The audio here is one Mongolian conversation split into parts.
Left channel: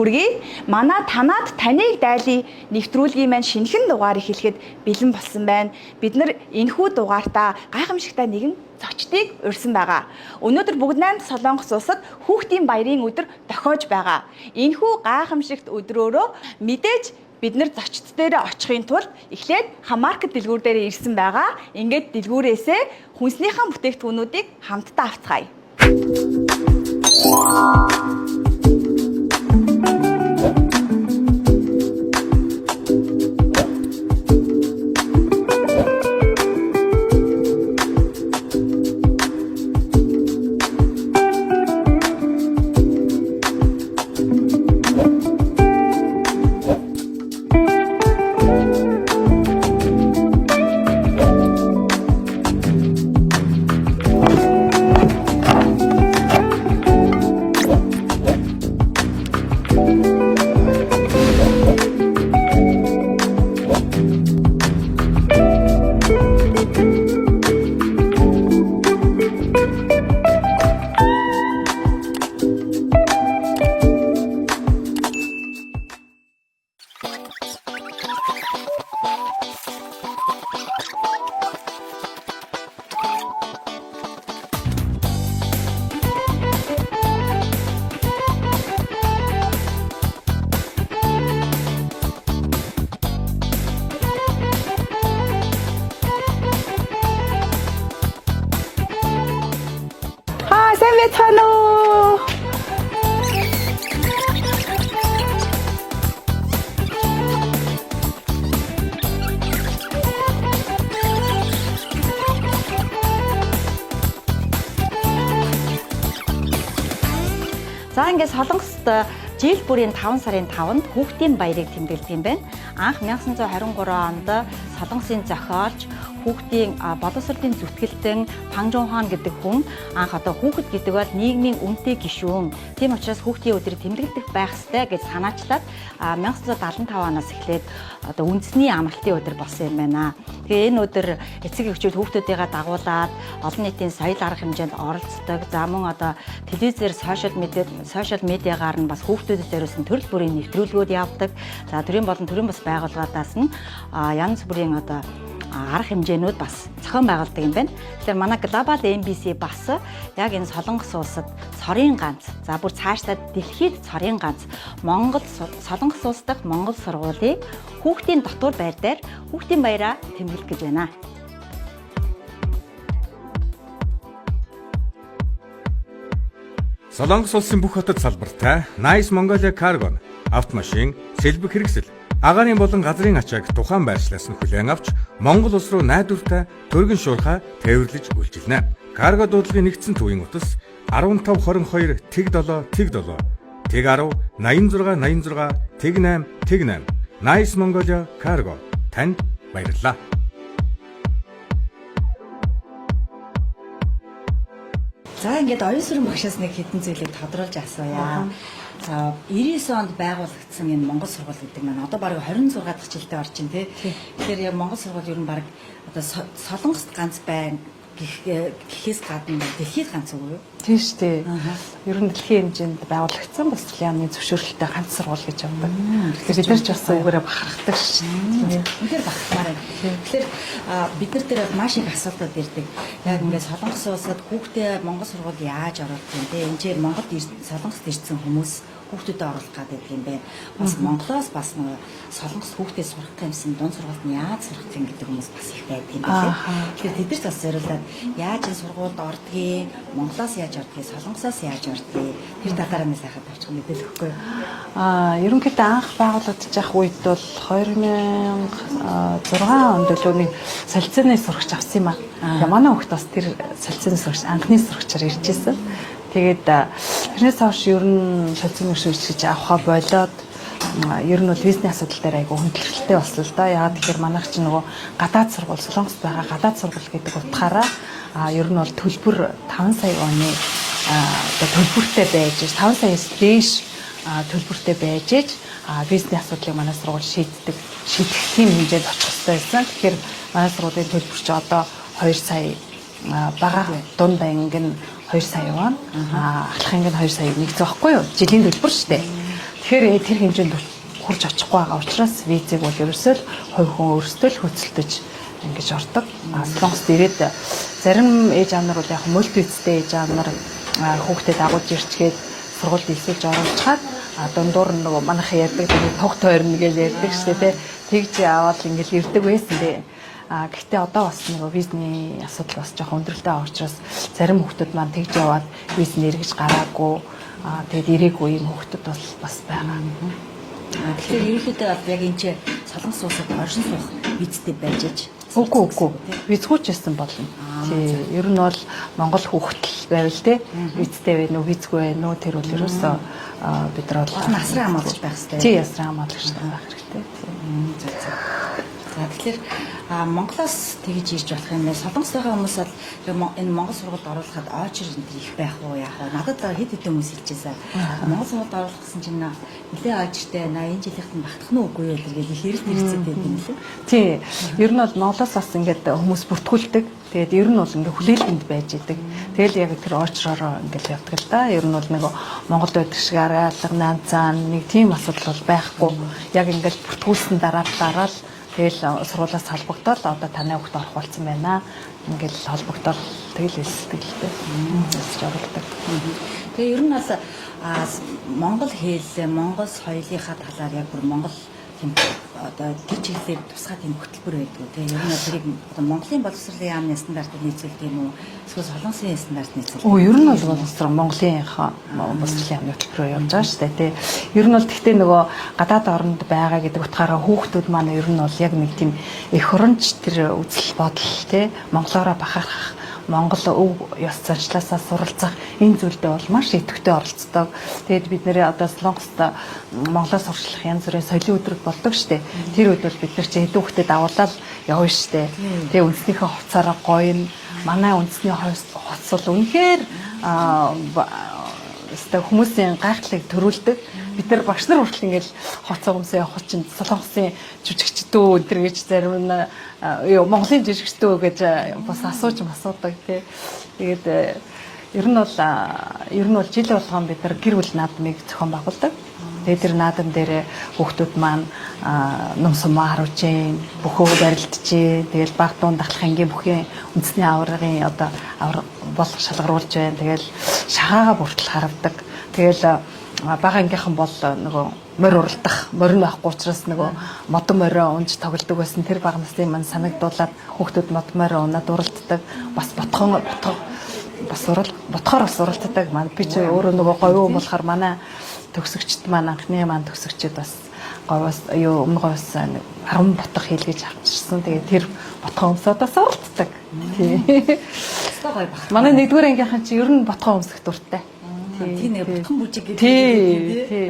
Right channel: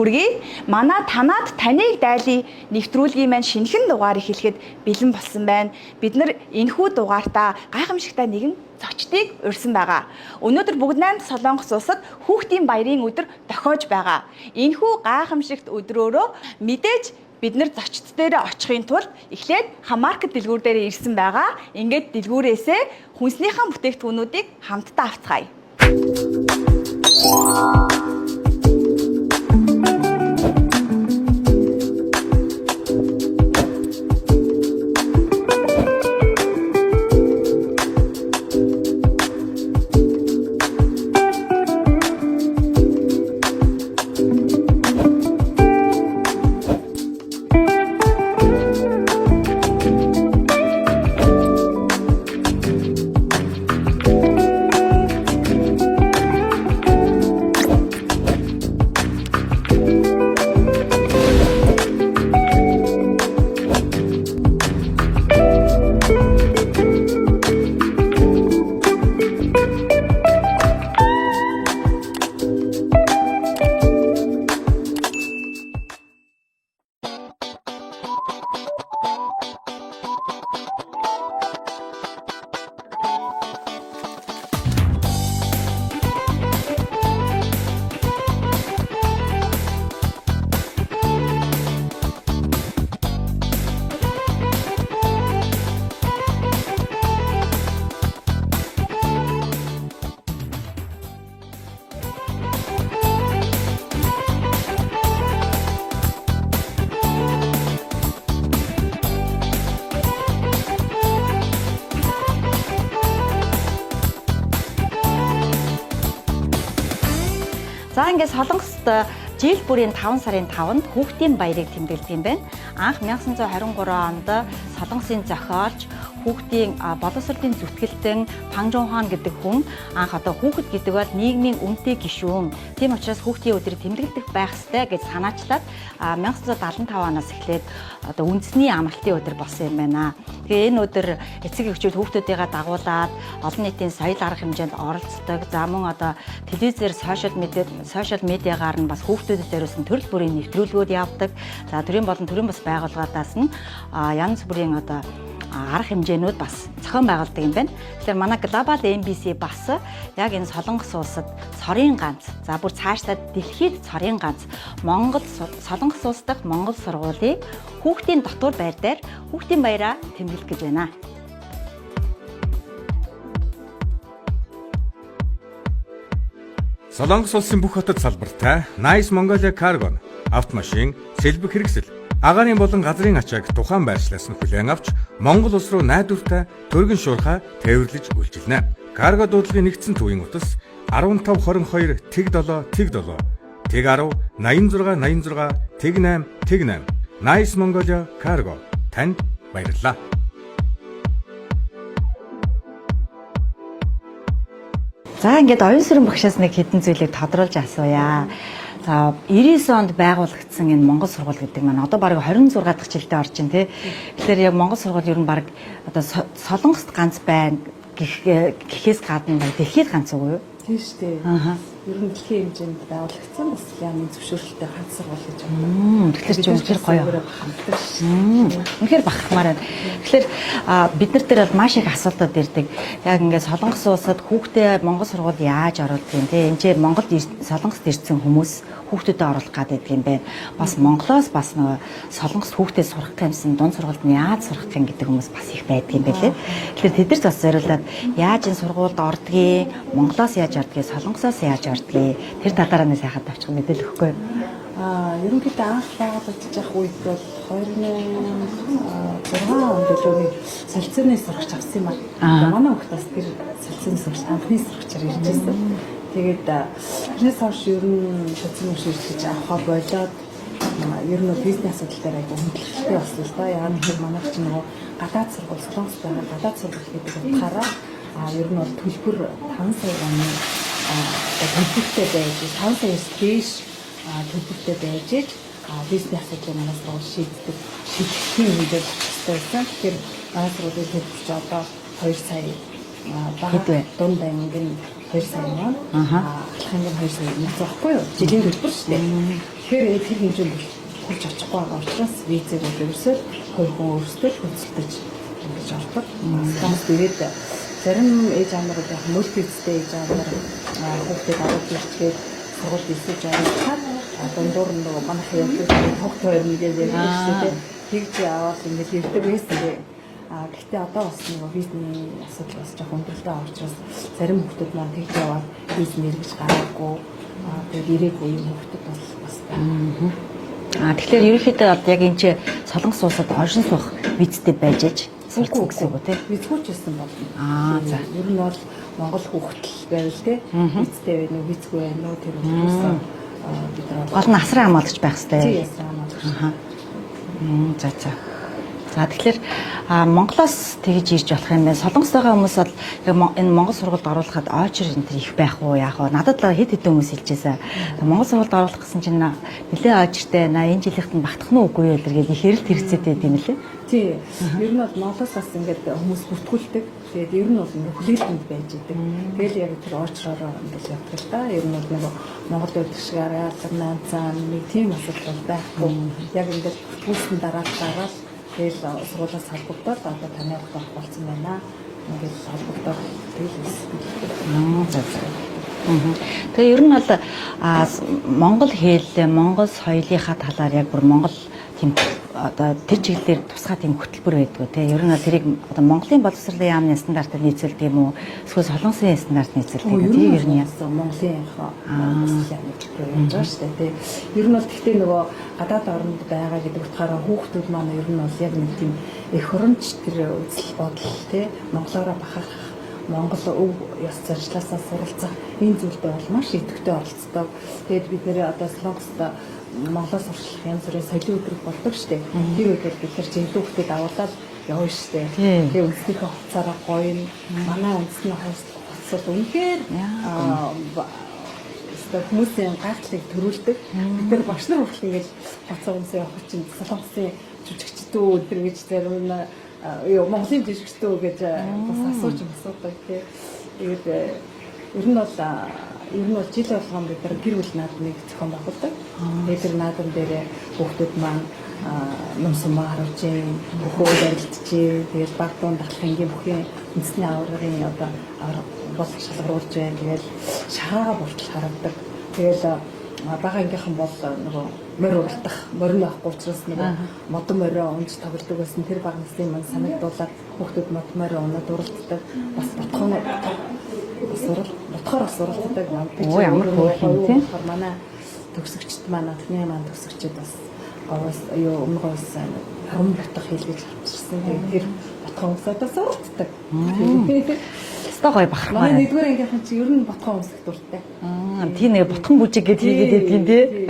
хүргэе. Манай танаад таныг дайлын нэвтрүүлгийн маань шинэхэн дугаар эхлэхэд бэлэн болсон байна. Бид нар энэхүү дугаартаа гайхамшигтай нэгэн зочдыг урьсан байгаа. Өнөөдөр бүгд найрамд Солонгос улсад хүүхдийн баярын өдөр тохиож байгаа. Энэхүү гайхамшигт өдрөөрөө мэдээж бид нар зочд дээрээ очихын тулд эхлээд Хамааркет дэлгүүр дээрээ ирсэн байгаа. Ингээд дэлгүүрээсээ хүнснийхэн бүтээгдэхүүнүүдийг хамтдаа авцгаая. За ингээд Солонгост жил бүрийн 5 сарын 5-нд хүүхдийн баярыг тэмдэглэдэг юм байна. Анх 1923 онд Солонгосын зохиолч хүүхдийн боловсролын зүтгэлтэн Пан Жун Хуан гэдэг хүн анх одоо хүүхэд гэдэг бол нийгмийн үнэтэй гишүүн. Тийм учраас хүүхдийн өдрийг тэмдэглэдэг байх ёстой гэж санаачлаад 1975 оноос эхлээд одоо үндэсний амралтын өдөр болсон юм байна. Тэгээ энэ өдөр эцэг эхчүүд хүүхдүүдийгээ дагуулад олон нийтийн соёл арга хэмжээнд оролцдог. За мөн одоо телевизээр сошиал медиагаар нь бас хүүхдүүдэд зориулсан төрөл бүрийн нэвтрүүлгүүд явдаг. За төрийн болон төрийн бас байгууллагаас нь янз бүрийн одоо арга хэмжээнүүд бас зохион байгуулдаг юм байна. Тэгэхээр манай Global MBC бас яг энэ Солонгос улсад цорын ганц, за бүр цаашдаа дэлхийд цорын ганц Солонгос улс дахь Монгол сургуулийг хүүхдийн дотор байр дээр хүүхдийн баяраа тэмдэглэх гэж байна. Солонгос улсын бүх хотод салбартай Nice Mongolia Cargo автомашин, сэлбэг хэрэгсэл, агаарын болон газрын ачааг тухайн байршлаас нь хүлээн авч Монгол улс руу найдвартай төргөн шуурхай тээвэрлэж үйлчилнэ. Карго дуудлагын нэгдсэн төвийн утас 1522 тэг 7 тэг 7 тэг 10 86 86 тэг 8 тэг 8 Nice Mongolia Cargo танд баярлалаа. За ингээд оюун сүрэн багшаас нэг хэдэн зүйлийг тодруулж асууя. За 99 онд байгуулагдсан энэ Монгол сургууль гэдэг маань одоо бараг 26 дахь жилдээ орж байна тий. Тэгэхээр яг Монгол сургууль ер нь бараг одоо Солонгост ганц байна гэхээс гадна дэлхийд ганц уу юу? Тийм шүү дээ. Ер нь дэлхийн хэмжээнд байгуулагдсан бас яамны зөвшөөрлөлтөй ганц сургууль гэж байна. Тэгэхээр бид ч гойгоороо бахархдаг шүү. Үнэхээр бахархмаар байна. Тэгэхээр бид нар дээр маш их асуудал ирдэг. Яг ингээд Солонгос улсад хүүхдээ Монгол сургууль яаж оруулдаг юм те? Энд чинь Монголд Солонгост ирсэн хүмүүс хүүхдүүдэд оруулах гэдэг юм бэ. Бас Монголоос бас нөгөө Солонгост хүүхдээ сурах гэсэн дунд сургуульд нь яаж сурах юм гэдэг хүмүүс бас их байдаг юм байна. Тэгэхээр тэд нар бас зориулаад яаж энэ сургуульд ордгийг, Монголоос яаж ордгийг, Солонгосоос яаж ордгийг тэр талаараа нэг сайхан тавьчих мэдээлэл өгөхгүй юу? Ерөнхийдөө анх байгуулагдаж байх үед бол 2006 онд л нэг солилцооны сурагч авсан юм аа. Манай хүүхд бас тэр солилцооны сурагч анхны сурагчаар ирж байсан. Тэгээд тэрнээс хойш ер нь солилцооны сурагч авахаа болоод ер нь бол визний асуудал дээр айгүй хөндлөлттэй болсон л да. Яагаад тэгэхээр манайх чинь нөгөө гадаад сургууль, Солонгост байгаа гадаад сургууль гэдэг утгаараа ер нь бол төлбөр 5 сая оны төлбөртэй байж 5 саяас дээш төлбөртэй байж визний асуудлыг манай сургууль шийдэх тийм хэмжээд очих хэрэгтэй байсан. Тэгэхээр манай сургуулийн төлбөр чи одоо 2 сая бага дунд анги нь 2 сая байна. Ахлахын гэн 2 саяг нэгцээ байхгүй юу? Жилийн төлбөр шүү дээ. Тэгэхээр тэр хэмжээнд хурж очихгүй байгаа учраас визийг бол ерөөсөө хувь хүн өөрсдөө л хөдөлтөж ингэж ордог. Солонгост ирээд зарим ээж аав нар бол яг мультивизтэй ээж аав нар хүүхдэд дагуулж ирчгээд сургууль нисэж оруулчихад дундуур нөгөө манайхан ярьдаг туг тойрно гэж ярьдаг шүү дээ. Тэгж аваад ингэж ирдэг байсан дээ. Гэхдээ одоо бас нөгөө визний асуудал бас жоохон өндөрлөлтөө учраас зарим хүүхдүүд маань тэгж яваад виз нэргэж гараагүй тэгээд ирээгүй юм хүүхдүүд бол бас байгаа. Тэгэхээр ерөнхийдөө яг энэ чи солонгос улсад оршин суух визтэй байж аж Үгүй тий. Визгүйч байсан болно. Ер нь бол Монгол хүүхдэл байвал тий. Визтэй байна уу, визгүй байна уу тэр өдрөөсөө бид нар гол нь асран хамгаалагч байх хэрэгтэй. Тий, асран хамгаалагч байх хэрэгтэй. За тэгэхээр Монголоос тэгж ирж болох юм байна. Солонгост байгаа хүмүүс бол яг энэ Монгол сургуульд оруулахад очер энэ их байх уу яах вэ? Надад л хэд хэдэн хүмүүс хэлжээсэн. Монгол сургуульд оруулах гэсэн чинь нэлээ очертэй энэ жилийнхэд нь багтах нь үгүй юу гэдэг их хэрэг хэрэгцээд байт юм лээ. Тий. Ер нь бол Монголоос бас ингээд хүмүүс бүртгүүлдэг. Тэгээд ер нь бол ингээд хүлээлгэнд байж идэг. Тэгэл яг тэр очроор ингээд явдаг л да. Ер нь бол нэг Монголд байдаг шиг аргаалга нанцаан нэг тийм асуудал бол байхгүй. Яг ингээд бүртгүүлсэн дараа тэгэл сургуулиас холбогдоод одоо таны хүүхд орох болсон байна. Ингээл холбогдоод тэгэл хэлсгэлтэй. Тэгээ ер нь бол Монгол хэл, Монгол соёлынхаа талаар яг бүр Монгол тийм одоо тэр чиглэлээр тусгай тийм хөтөлбөр байдаг тий. Ер нь тэрийг одоо Монголын боловсролын яамны стандартад нийцүүлдэг юм уу? Эсвэл солонгосын стандартад нийцүүлдэг юм уу? Ер нь бол Монголынхаа боловсролын яамны хөтөлбөрөөр явж байгаа шүү дээ тий. Ер нь бол тэгтээ нөгөө гадаад оронд байгаа гэдэг утгаараа хүүхдүүд маань ер нь бол яг нэг тийм эх оронч тэр үзэл бодол тий. Монголоороо бахархах Монгол өв ёс заншлаасаа суралцах энэ зүйлдээ бол маш идэвхтэй оролцдог. Тэгээд бид нэрээ одоо Солонгост Монголоос сурчлах янз бүрийн соёлын өдрүүд болдог штэ. Тэр үед бол бид нар чи хэдэн хүүхдэд авуулаад явна штэ. Тэгээд үндэснийхээ хувцаараа гоё нь манай үндэсний хувцс бол үнэхээр хүмүүсийн гайхлыг төрүүлдэг. Бид нар багш нар хүртэл ингээл хоцоо хүмүүсээ явах чинь Солонгосын жүжигчдөө өдр гэж зарим нь Монголын жүжигчдөө гэж бас асуудаг тий. Тэгээд ер нь бол жил болгоом бид нар гэр бүл наадмыг зохион байгуулдаг. Тэгээд тэр наадам дээр хүүхдүүд маань нумсамаа харуулж, бөхөө барилдаж, тэгээд баг дуун дахлахынгийн бүхэн үндэсний аваргын одоо аварга бол шалгаруулж байна. Тэгэл шахаага бүртэл харавдаг. Тэгэл бага ангийнхан бол нөгөө морь уралдах, морь нь байхгүй учраас нөгөө модон морио унж тоглодог байсан. Тэр бага насны маань санагдуулаад хүүхдүүд модон морио унаад уралддаг. Бас ботхоор бас уралддаг маань. Би ч өөрөө нөгөө говь болохоор манай төгсөгчд маань анхны маань төгсөгчд бас говьос өмнө говьос 10 ботх хийлгэж авчирсан. Тэгээд тэр ботхоо өмсөдөөс уралддаг. Өстой гоё бахарх. Манай нэгдүгээр ангийнхан чи ер нь ботхоо өмсөх дуртай. Тийм нэг ботхон бүжиг гэдэг юм тий.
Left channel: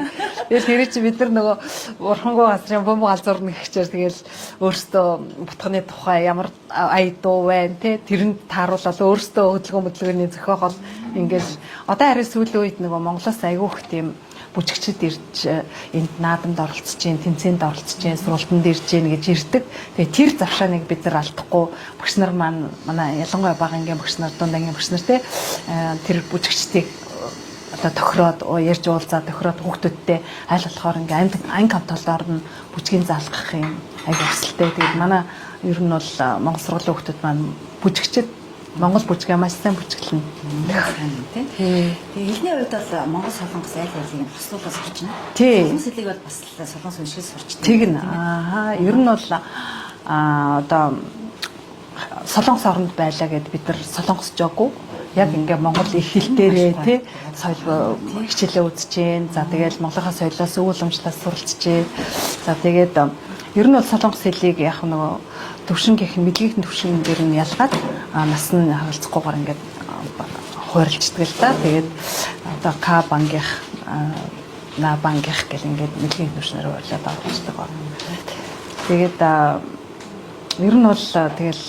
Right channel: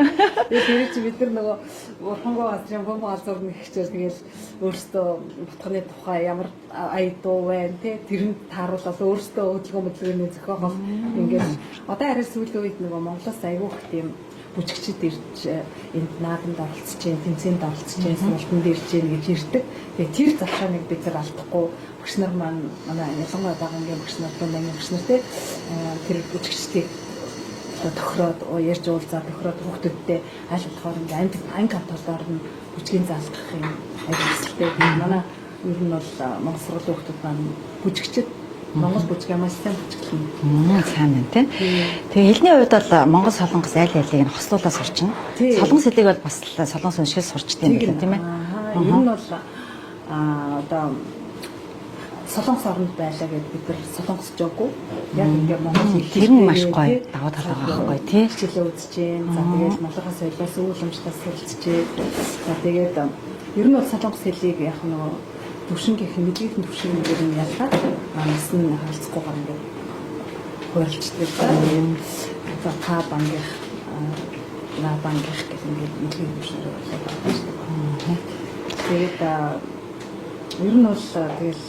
Тэгээд тэр чи бид нар нөгөө урхангуй газрын бомб галзуурна гэхчээр тэгэл өөртөө ботхоны тухай ямар ая дуу байна тий. Тэрэнд тааруулаад өөртөө хөдөлгөөний зохиогол ингээд одоо арай сүүлийн үед нөгөө Монголоос айгүйх тийм бүжигчд ирж энд наадамд оролцож जैन, тэмцээнд оролцож जैन, сургалтанд ирж जैन гэж ирдэг. Тэгээ тэр завшааныг бид нар алдахгүй багш нар маань манай ялангуяа бага ангийн багш нар, дунд ангийн багш нар тэр бүжигчдийг одоо тохироод ярьж уулзаад тохироод хүүхдүүдтэй аль болохоор ингээм анги хамтолоор нь бүжгийн заалгах юм айгу өсөлттэй. Тэгээ манай ер нь бол Монгол сургуулийн хүүхдүүд маань бүжигчд Монгол бүжгээ маш сайн бүжиглэн. Сайн байна тийм. Тэгээ хэлний хувьд бол Монгол солонгос аль алийг нь хослуулаад сурчна. Солонгос хэлийг бол бас солонгос уншиж сурчдаг юм тийм ээ. Ер нь бол одоо солонгос оронд байлаа гэд бид нар солонгос жоогүй. Яг ингээ Монгол хэлтэй тий хичээлээ үзэж जैन. За тэгээд Монголын соёлоос өвөлмжтаас суралцж जैन. За тэгээд ер нь бол солонгос хэлийг яг нөгөө төвшингийн мэдлэгийн төвшин дээр нь ялгаад нас нь харилцахгүйгээр ингээд хуурилждаг л да. Тэгээд одоо К бангих, На бангих гэх ингээд мэдлэгийн төвшнөр хуурилаад авчихдаг байна. Тэгээд ер нь бол тэгэл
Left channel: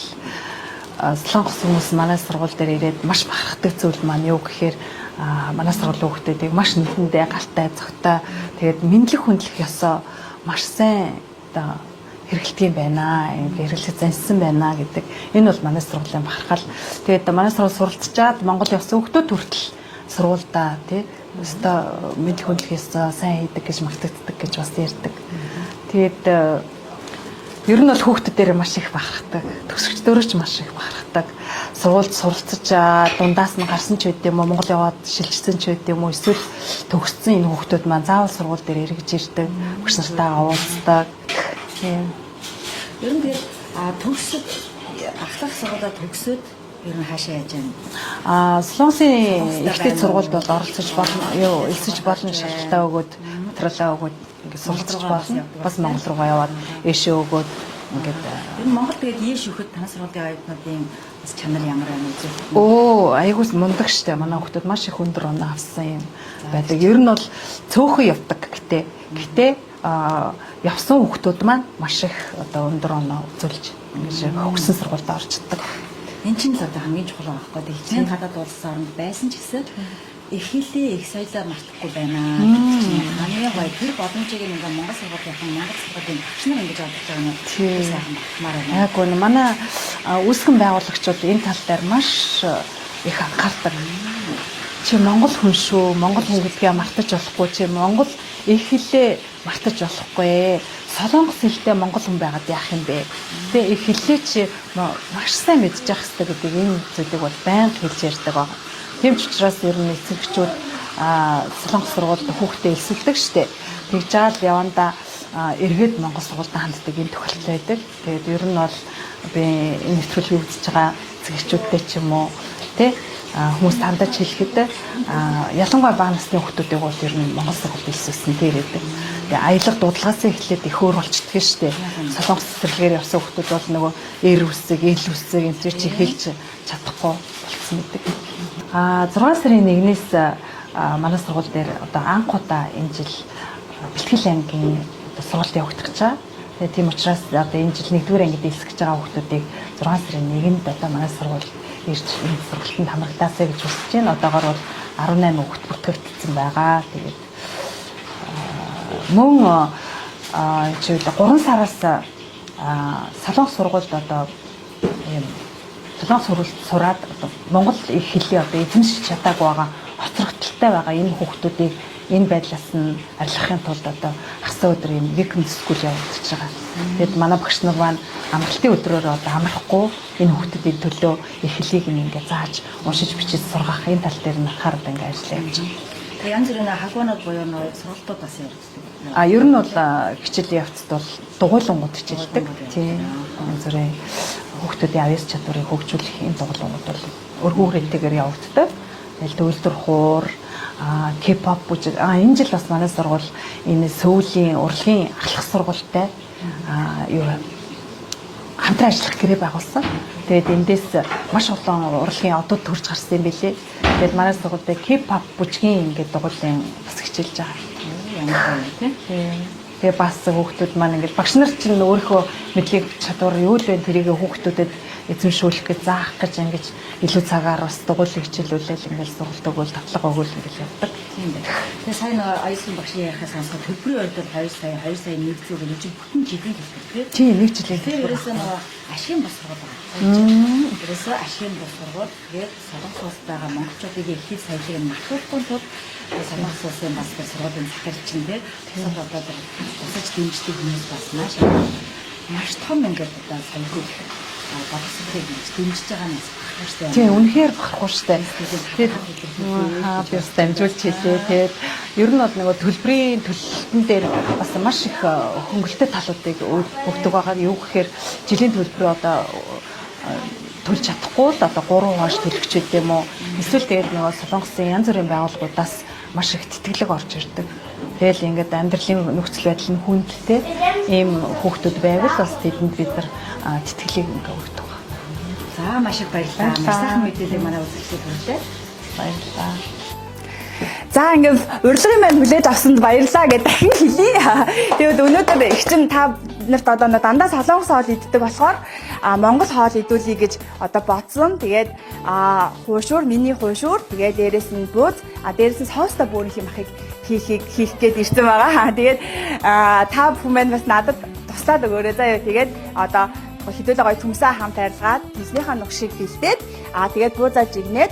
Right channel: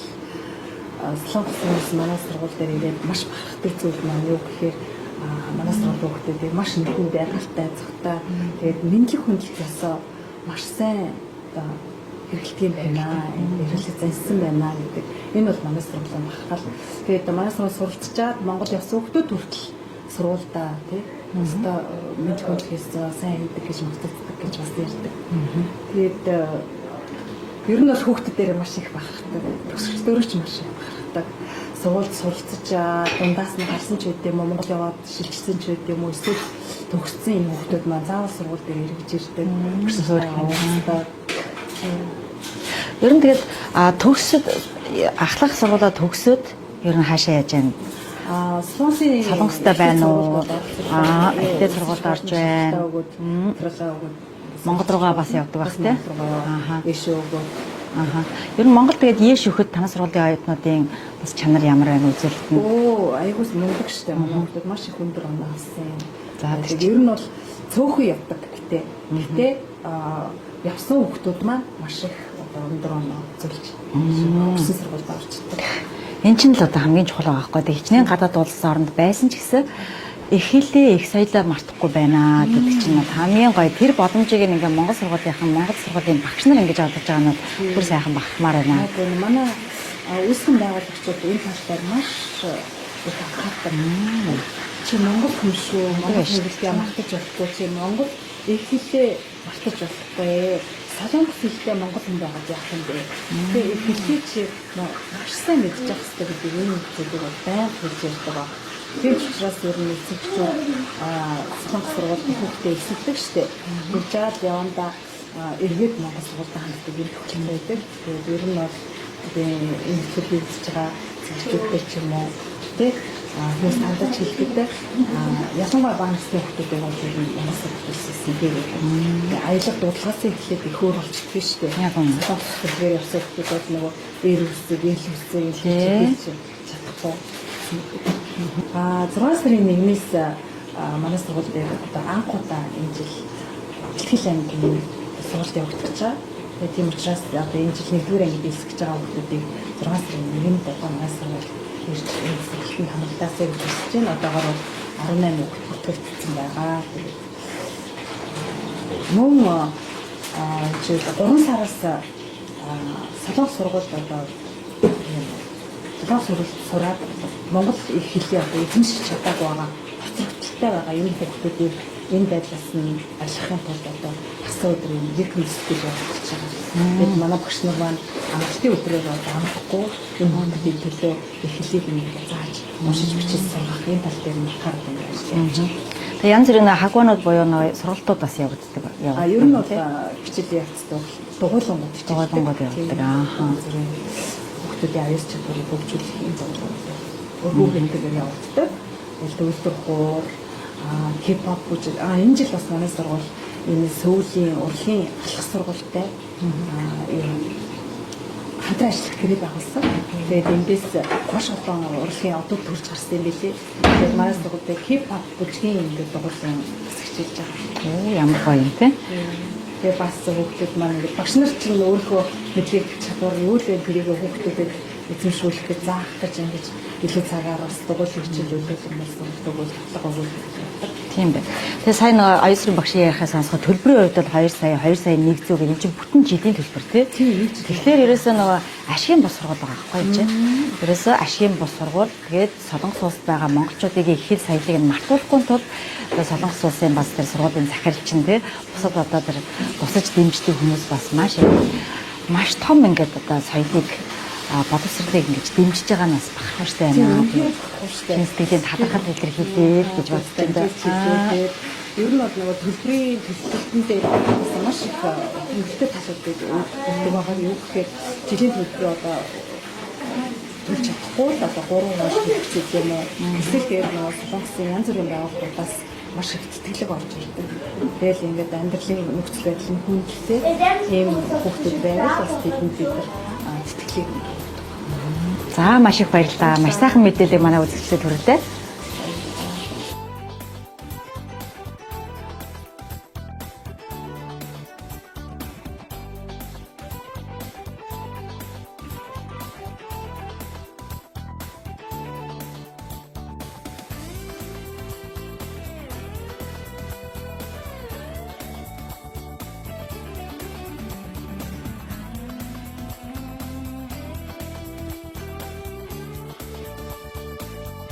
солонгос хүмүүс манай сургууль дээр ирээд маш бахархдаг зүйл маань юу гэхээр манай сургуулийн хүүхдүүдийг маш нэтэндээ галтай, зөгтэй тэгээд мэдлэг хүндлэх ёсоо маш сайн одоо хэрэгэлдэг юм байна. Хэрэглэж зансан байна гэдэг. Энэ бол манай сургуулийн бахархал. Тэгээд манай сургууль суралцчаад Монгол явсан хүмүүс хүртэл сургуульдаа тий өстө мэдлэг хүндлэхээс сайн идэг гэж магтагддаг гэж бас ярьдаг. Тэгээд ер нь бол хүүхдүүдээр маш их бахархдаг. Төгсөгчдөрөө ч маш их бахархдаг. Сургуульд суралцж дундаас нь гарсан ч үгүй юм уу, Монгол яваад шилжсэн ч үгүй юм уу, эсвэл төгссөн энэ хүүхдүүд маань заавал сургууль дээр эргэж ирдэг, багштай уулздаг. Ер нь тэгээд төгсөд ахлах сургуулаа төгсөд ер нь хаашаа яаж яана? Солонгостой байна. Сургуульд бол оролцож болно. Сургууль болно шалтгаан өгөөд, материалаа өгөөд Монгол руугаа бас явдаг бас Монгол руугаа яваад эшээ өгөөд. Ер нь Монгол тэгээд ийш өгөхөд танай сургуулийн оюутнуудын бас чанар ямар байна үзүүлэлт нь? Айгуус мундаг штэ. Манай хүмүүс маш их өндөр оноо авсан юм. Тэгээд ер нь бол цөөхөн явдаг гэтээ явсан хүмүүс маань маш их одоо өндөр оноо үзүүлж хөгсөн сургуульд орчдөг. Энд чинь л одоо хамгийн чухал байгаа байхгүй. Хичнээн гадаад улсын оронд байсан ч гэсэн их хэлээ их соёлоо мартахгүй байна гэдэг чинь хамгийн гоё. Тэр боломжийг ингээ Монгол сургуулийн багш нар ингэж олж байгаа нь бүр сайхан багтмаар байна. Айгуу манай үүсгэн байгуулагчид энэ тал дээр маш их анхаардаг. Чи Монгол хүн шүү. Монгол хэллэгээ мартаж болохгүй. Чи Монгол их хэлээ мартаж болохгүй. Солонгос хэлтэй монгол хүн байгаад яах юм бэ? Тэгээ их хэлээ чи маш сайн мэдчих хэвээр гэдэг энэ зүйлийг бол байнга хэлж ярьдаг баг. Тийм ч учраас ер нь эцэгчүүд солонгос сургуульд хүүхдээ элсэлдэг штеп. Тэгж жаад явандаа эргээд монгол сургуульд ханддаг юм тохиолдол байдаг. Тэгээд ер нь бол би энэ нэвтрүүлгийг үзэж байгаа эцэгчүүдтэй ч юм уу тий хүмүүс хандаж хэлэхэд ялангуяа бага насны хүүхдүүдийг бол ер нь монгол сургуульд элсэлсэн тэгээд аялал дуудлагаас эхлээд их өөр болчихдгоо штеп. Солонгос цэцэрлэгээр явсан хүүхдүүд бол нөгөө эр үсэг, эл үсэг энэ ч хэлж чадахгүй гэсэн мэт. 6 сарын 1-ээс манай сургууль дээр одоо анхудаа энэ жил бэлтгэл ангийн сургуульд явагдах гэж байгаа. Тэгээ тийм учраас одоо энэ жил 1-р ангид элсгэж байгаа хүүхдүүдийг 6 сарын 1-нд одоо манай сургууль ирж энэ сургалтанд хамрагдаасаа гэж хүсэж байна. Одоогоор бол 18 хүүхд бүртгэгдсэн байгаа. Тэгээд мөн жишээл 3 сараас солонгос сургуульд одоо солонгос сургуульд сураад Монгол их хэлээ одоо эзэмшиж чадаагүй байгаа хоцрогдолтой байгаа энэ хүүхдүүдийг энэ байдлаас нь арилгахын тулд одоо хасаа өдөр юм weekend school явуулж байгаа. Тэгээд манай багш нар маань амралтын өдрөөр одоо амрахгүй энэ хүүхдүүдийн төлөө их хэлийг ингээд зааж уншиж бичиж сургах энэ тал дээр нь анхаарал тавьж ажиллаж байна. Тэгээ янз бүрийн хагуунууд буюу нөө сургалтууд бас явагддаг. Ер нь бол хичээлийн явцад бол дугуйлангууд хичээлдэг. Зүрийн хүүхдүүдийн аюулс чадварыг хөгжүүлэх энэ дугуйлангууд бол өргөө хэмтэйгээр явагддаг. Тэгэл төвлөр хуур, K-pop бүжиг. Энэ жил бас манай сургууль энэ Сөүлийн урлагийн ахлах сургуультай хамтран ажиллах гэрээ байгуулсан. Тэгээд эндээс маш олон урлагийн одод төрж гарсан юм билээ. Тэгээд манай сургуультай K-pop бүжгийн ингээд дугуйлан бас хичээлж байгаа. Ямар гоё юм те. Тэгээ бас хүүхдүүд маань ингээд багш нар ч өөрийнхөө мэдлэг чадвар юу л вэ тэрийг хүүхдүүдэд эзэмшүүлэх гэж заах гэж ингэж илүү цагаар бас дугуйлан хичээлүүлэл ингээд сургалт өгөөл татлага өгөөл гэж явдаг. Тийм дээ. Тэгээ сайн нэг аюулсрын багшийн ярихаас сонсоход төлбөрийн хувьд бол 2 сая 1 зуун энэ чинь бүтэн жилийн төлбөр тий. Нэг жил. Тэгэхээр ерөөсөө нөгөө ашигын бос сургууль байгаа байхгүй чинь. Ерөөсөө ашигын бос сургууль тэгээд солонгос улсад байгаа монголчуудын их хэл соёлыг нь мартахгүй тул солонгос улсын бас тэр сургуулийн захирал чинь тий. Тусад одоо тэр тусаж дэмждэг хүмүүс бас маш том ингээд одоо соёлыг боловсролыг ингэж дэмжиж байгаа нь бас бахархштай байна. Тийм үнэхээр бахархштай. Тэгээд хадгалах илэрхийлээ гэж бас дамжуулж хэлээ. Ер нь бол нөгөө төлбөрийн төлөлтөн дээр бас маш их хөнгөлөлтэй талуудыг өгдөг байгаа. Юу гэхээр жилийн төлбөрөө одоо төлж чадахгүй л одоо 3 хоош төлөгчд юм уу. Эсвэл тэгээд нөгөө солонгосын янз бүрийн байгууллагуудаас маш их тэтгэлэг орж ирдэг. Тэгэл ингээд амьдралын нөхцөл байдал нь хүндэлтэй ийм хүүхдүүд байвал бас тэдэнд бид нар тэтгэлэг өгдөг. За маш их баярлалаа. Маш сайхан мэдээлэл манай үзэгчдэд хүргэлээ. Баярлалаа. За ингээд урилгын маань хүлээж авсанд баярлалаа гэж дахин хэлье. Тэгээд өнөөдөр эгчин та нарт одоо дандаа солонгос хоол иддэг болохоор Монгол хоол идүүлье гэж одоо бодсон. Тэгээд хуушуур, миний хуушуур, тэгээд дээрэс нь бууз, дээрэс нь соустай бөөрийн юм ахыг хийх гээд ирсэн байгаа. Тэгээд та бүхэн маань бас надад туслаад өгөөрэй заяа. Тэгээд одоо хэдүүлээ гоё төмсөн хамт арилгаад эзнийхээ нүх шиг бэлдээд тэгээд буузааж игнээд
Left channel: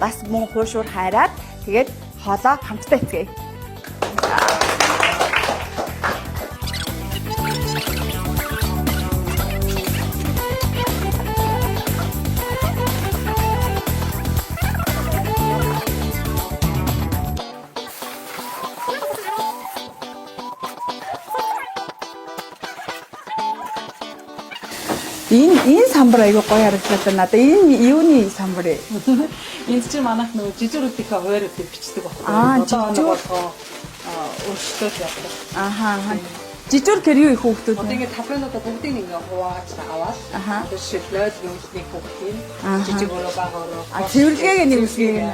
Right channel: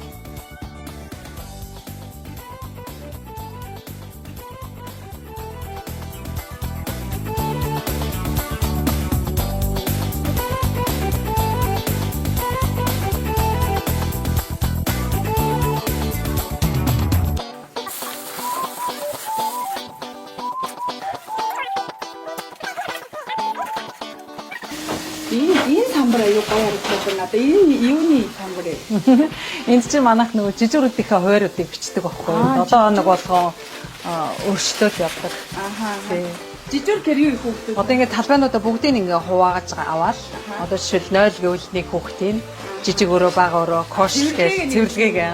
бас мөн хууршуур хайраад тэгээд хоолоо хамтдаа эцгээе. Энэ самбар аягүй гоё харагдсан надад. Энэ юуны самбар ээ? Энд чинь манайх нөгөө жижигрүүдийнхээ хувааруудыг бичдэг байхгүй юу? 7 хоног болгоо өршөлтөж явдаг. Жижиг тэр юу их хүүхдүүд. Одоо ингээд талбайнуудаа бүгдийг ингээ хувааж аваад одоо жишээл 0 гэвэл нэг хүүхдийн жижиг өрөө бага өрөө кош цэвэрлэгээ.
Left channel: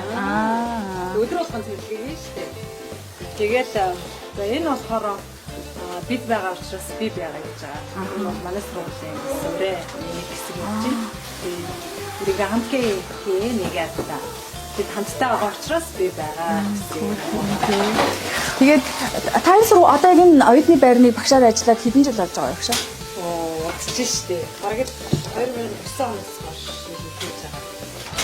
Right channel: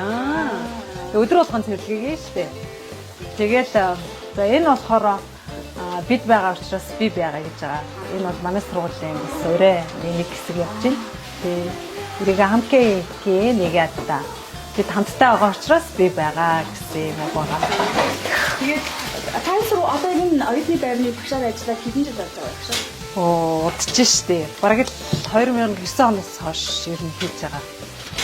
Өдөр болгон цэвэрлэгээ шүү дээ. Тэгээд за энэ болохоор бид байгаа учраас би байгаа гэж байгаа. Энэ бол манай сургуулийн өрөө нэг хэсэг явж байна. Тэгээд хамтгийн нэг ядаа. Бид хамтдаа байгаа учраас би байгаа гэсэн юм байна. Тэгээд тань сургууль одоо энэ оюутны байрны багшаар ажиллаад хэдэн жил болж байгаа юм багшаа? Удаж штэ. Бараг л 2009 оноос хойш ер нь хийж байгаа.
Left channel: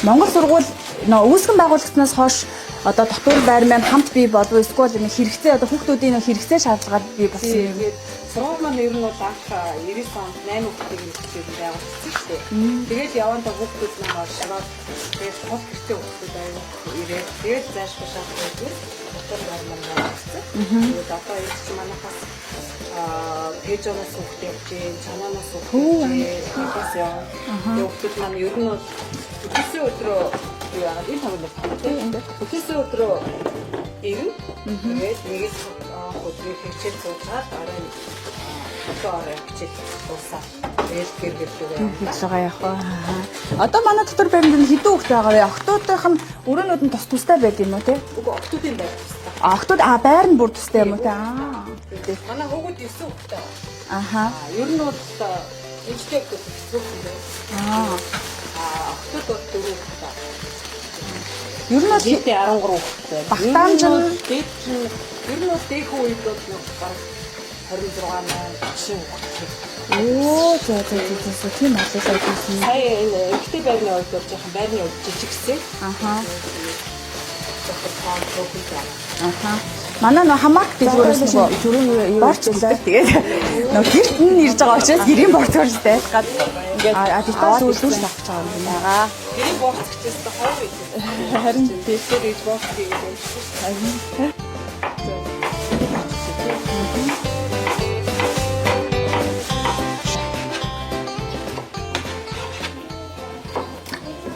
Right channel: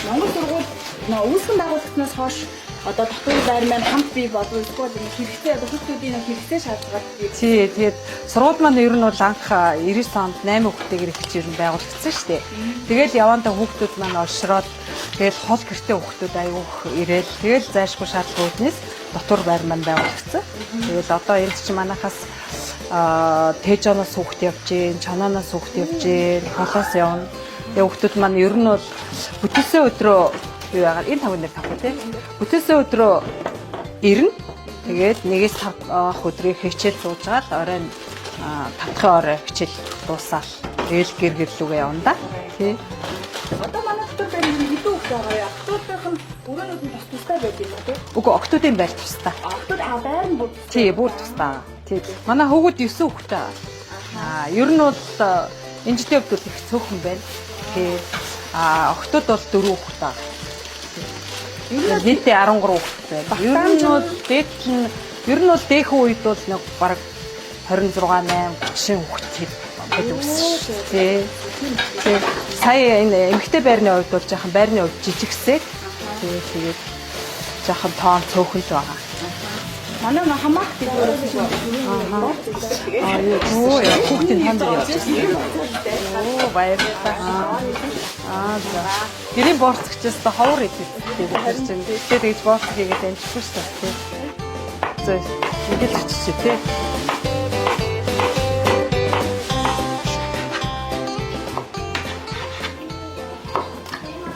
Монгол сургууль үүсгэн байгуулагдсанаас хойш одоо дотоод байр маань хамт бий болов эсвэл ингэ хэрэгцээ одоо хүүхдүүдийн хэрэгцээ шаардлагад бий болсон. Тэгээд сургууль маань ер нь бол анх 99 онд 8 хүүхдтэйгээр эхэлж ер нь байгуулагдсан шүү дээ. Тэгээд явандаа хүүхдүүд маань олшроод тэгээд хол гэртээ хүүхдүүд аяух ирээд тэгээд зайлшгүй шаардлагагүй үднэс дотор байр маань байгуулагдсан. Тэгээд одоо энд чинь манайхаас тэжоноос хүүхд явж гин, чанаанаас хүүхд явж гин, холоос явна. Тэгээд хүүхдүүд маань ер нь бол бүтээсэн өдрөө юу яагаад энэ тавнаар тавна тийм. Бүтээсэн өдрөө ирнэ. Тэгээд 1-5 өдрийг хичээл суужгаад оройн 5 орой хичээл дуусаад тэгэл гэр гэрлүүгээ явна да. Одоо манай дотор байранд хэдэн хүүхд байгаа вэ? Октоодынх нь өрөөнүүд нь тустай байдаг юм уу те? Үгүй октоодын байр тустай. Октоод байр нь бүр тустай юм уу? Тийм. Манай хүүгүүд 9 хүүхдтэй. Ер нь бол эмчтэй хүүхдүүд их цөөхөн байна. Октод бол 4 хүүхдтэй. Ер нь нийтдээ 13 хүүхдтэй. Ер нь бол дээхэн үед бол нэг бараг 26 8 хүүхдтэй. Сая энэ эмэгтэй байрны хувьд бол жоохон байрны хувьд жижигсээ. Тэгээд жоохон тоон цөөхөнтэй байгаа. Манай нөө хамаат дэлгүүрээс нөгөө борч үздэг. Тэгээд хүүхдүүд ирж байгаа учраас гэрийн борч үйлтэй. Гадны баяр аваад үлдээж авчихсан. гэрийн борцгчээс та ховор идэх. Харин тэгээд борц хийгээд амжсан шүү дээ. За тэгээд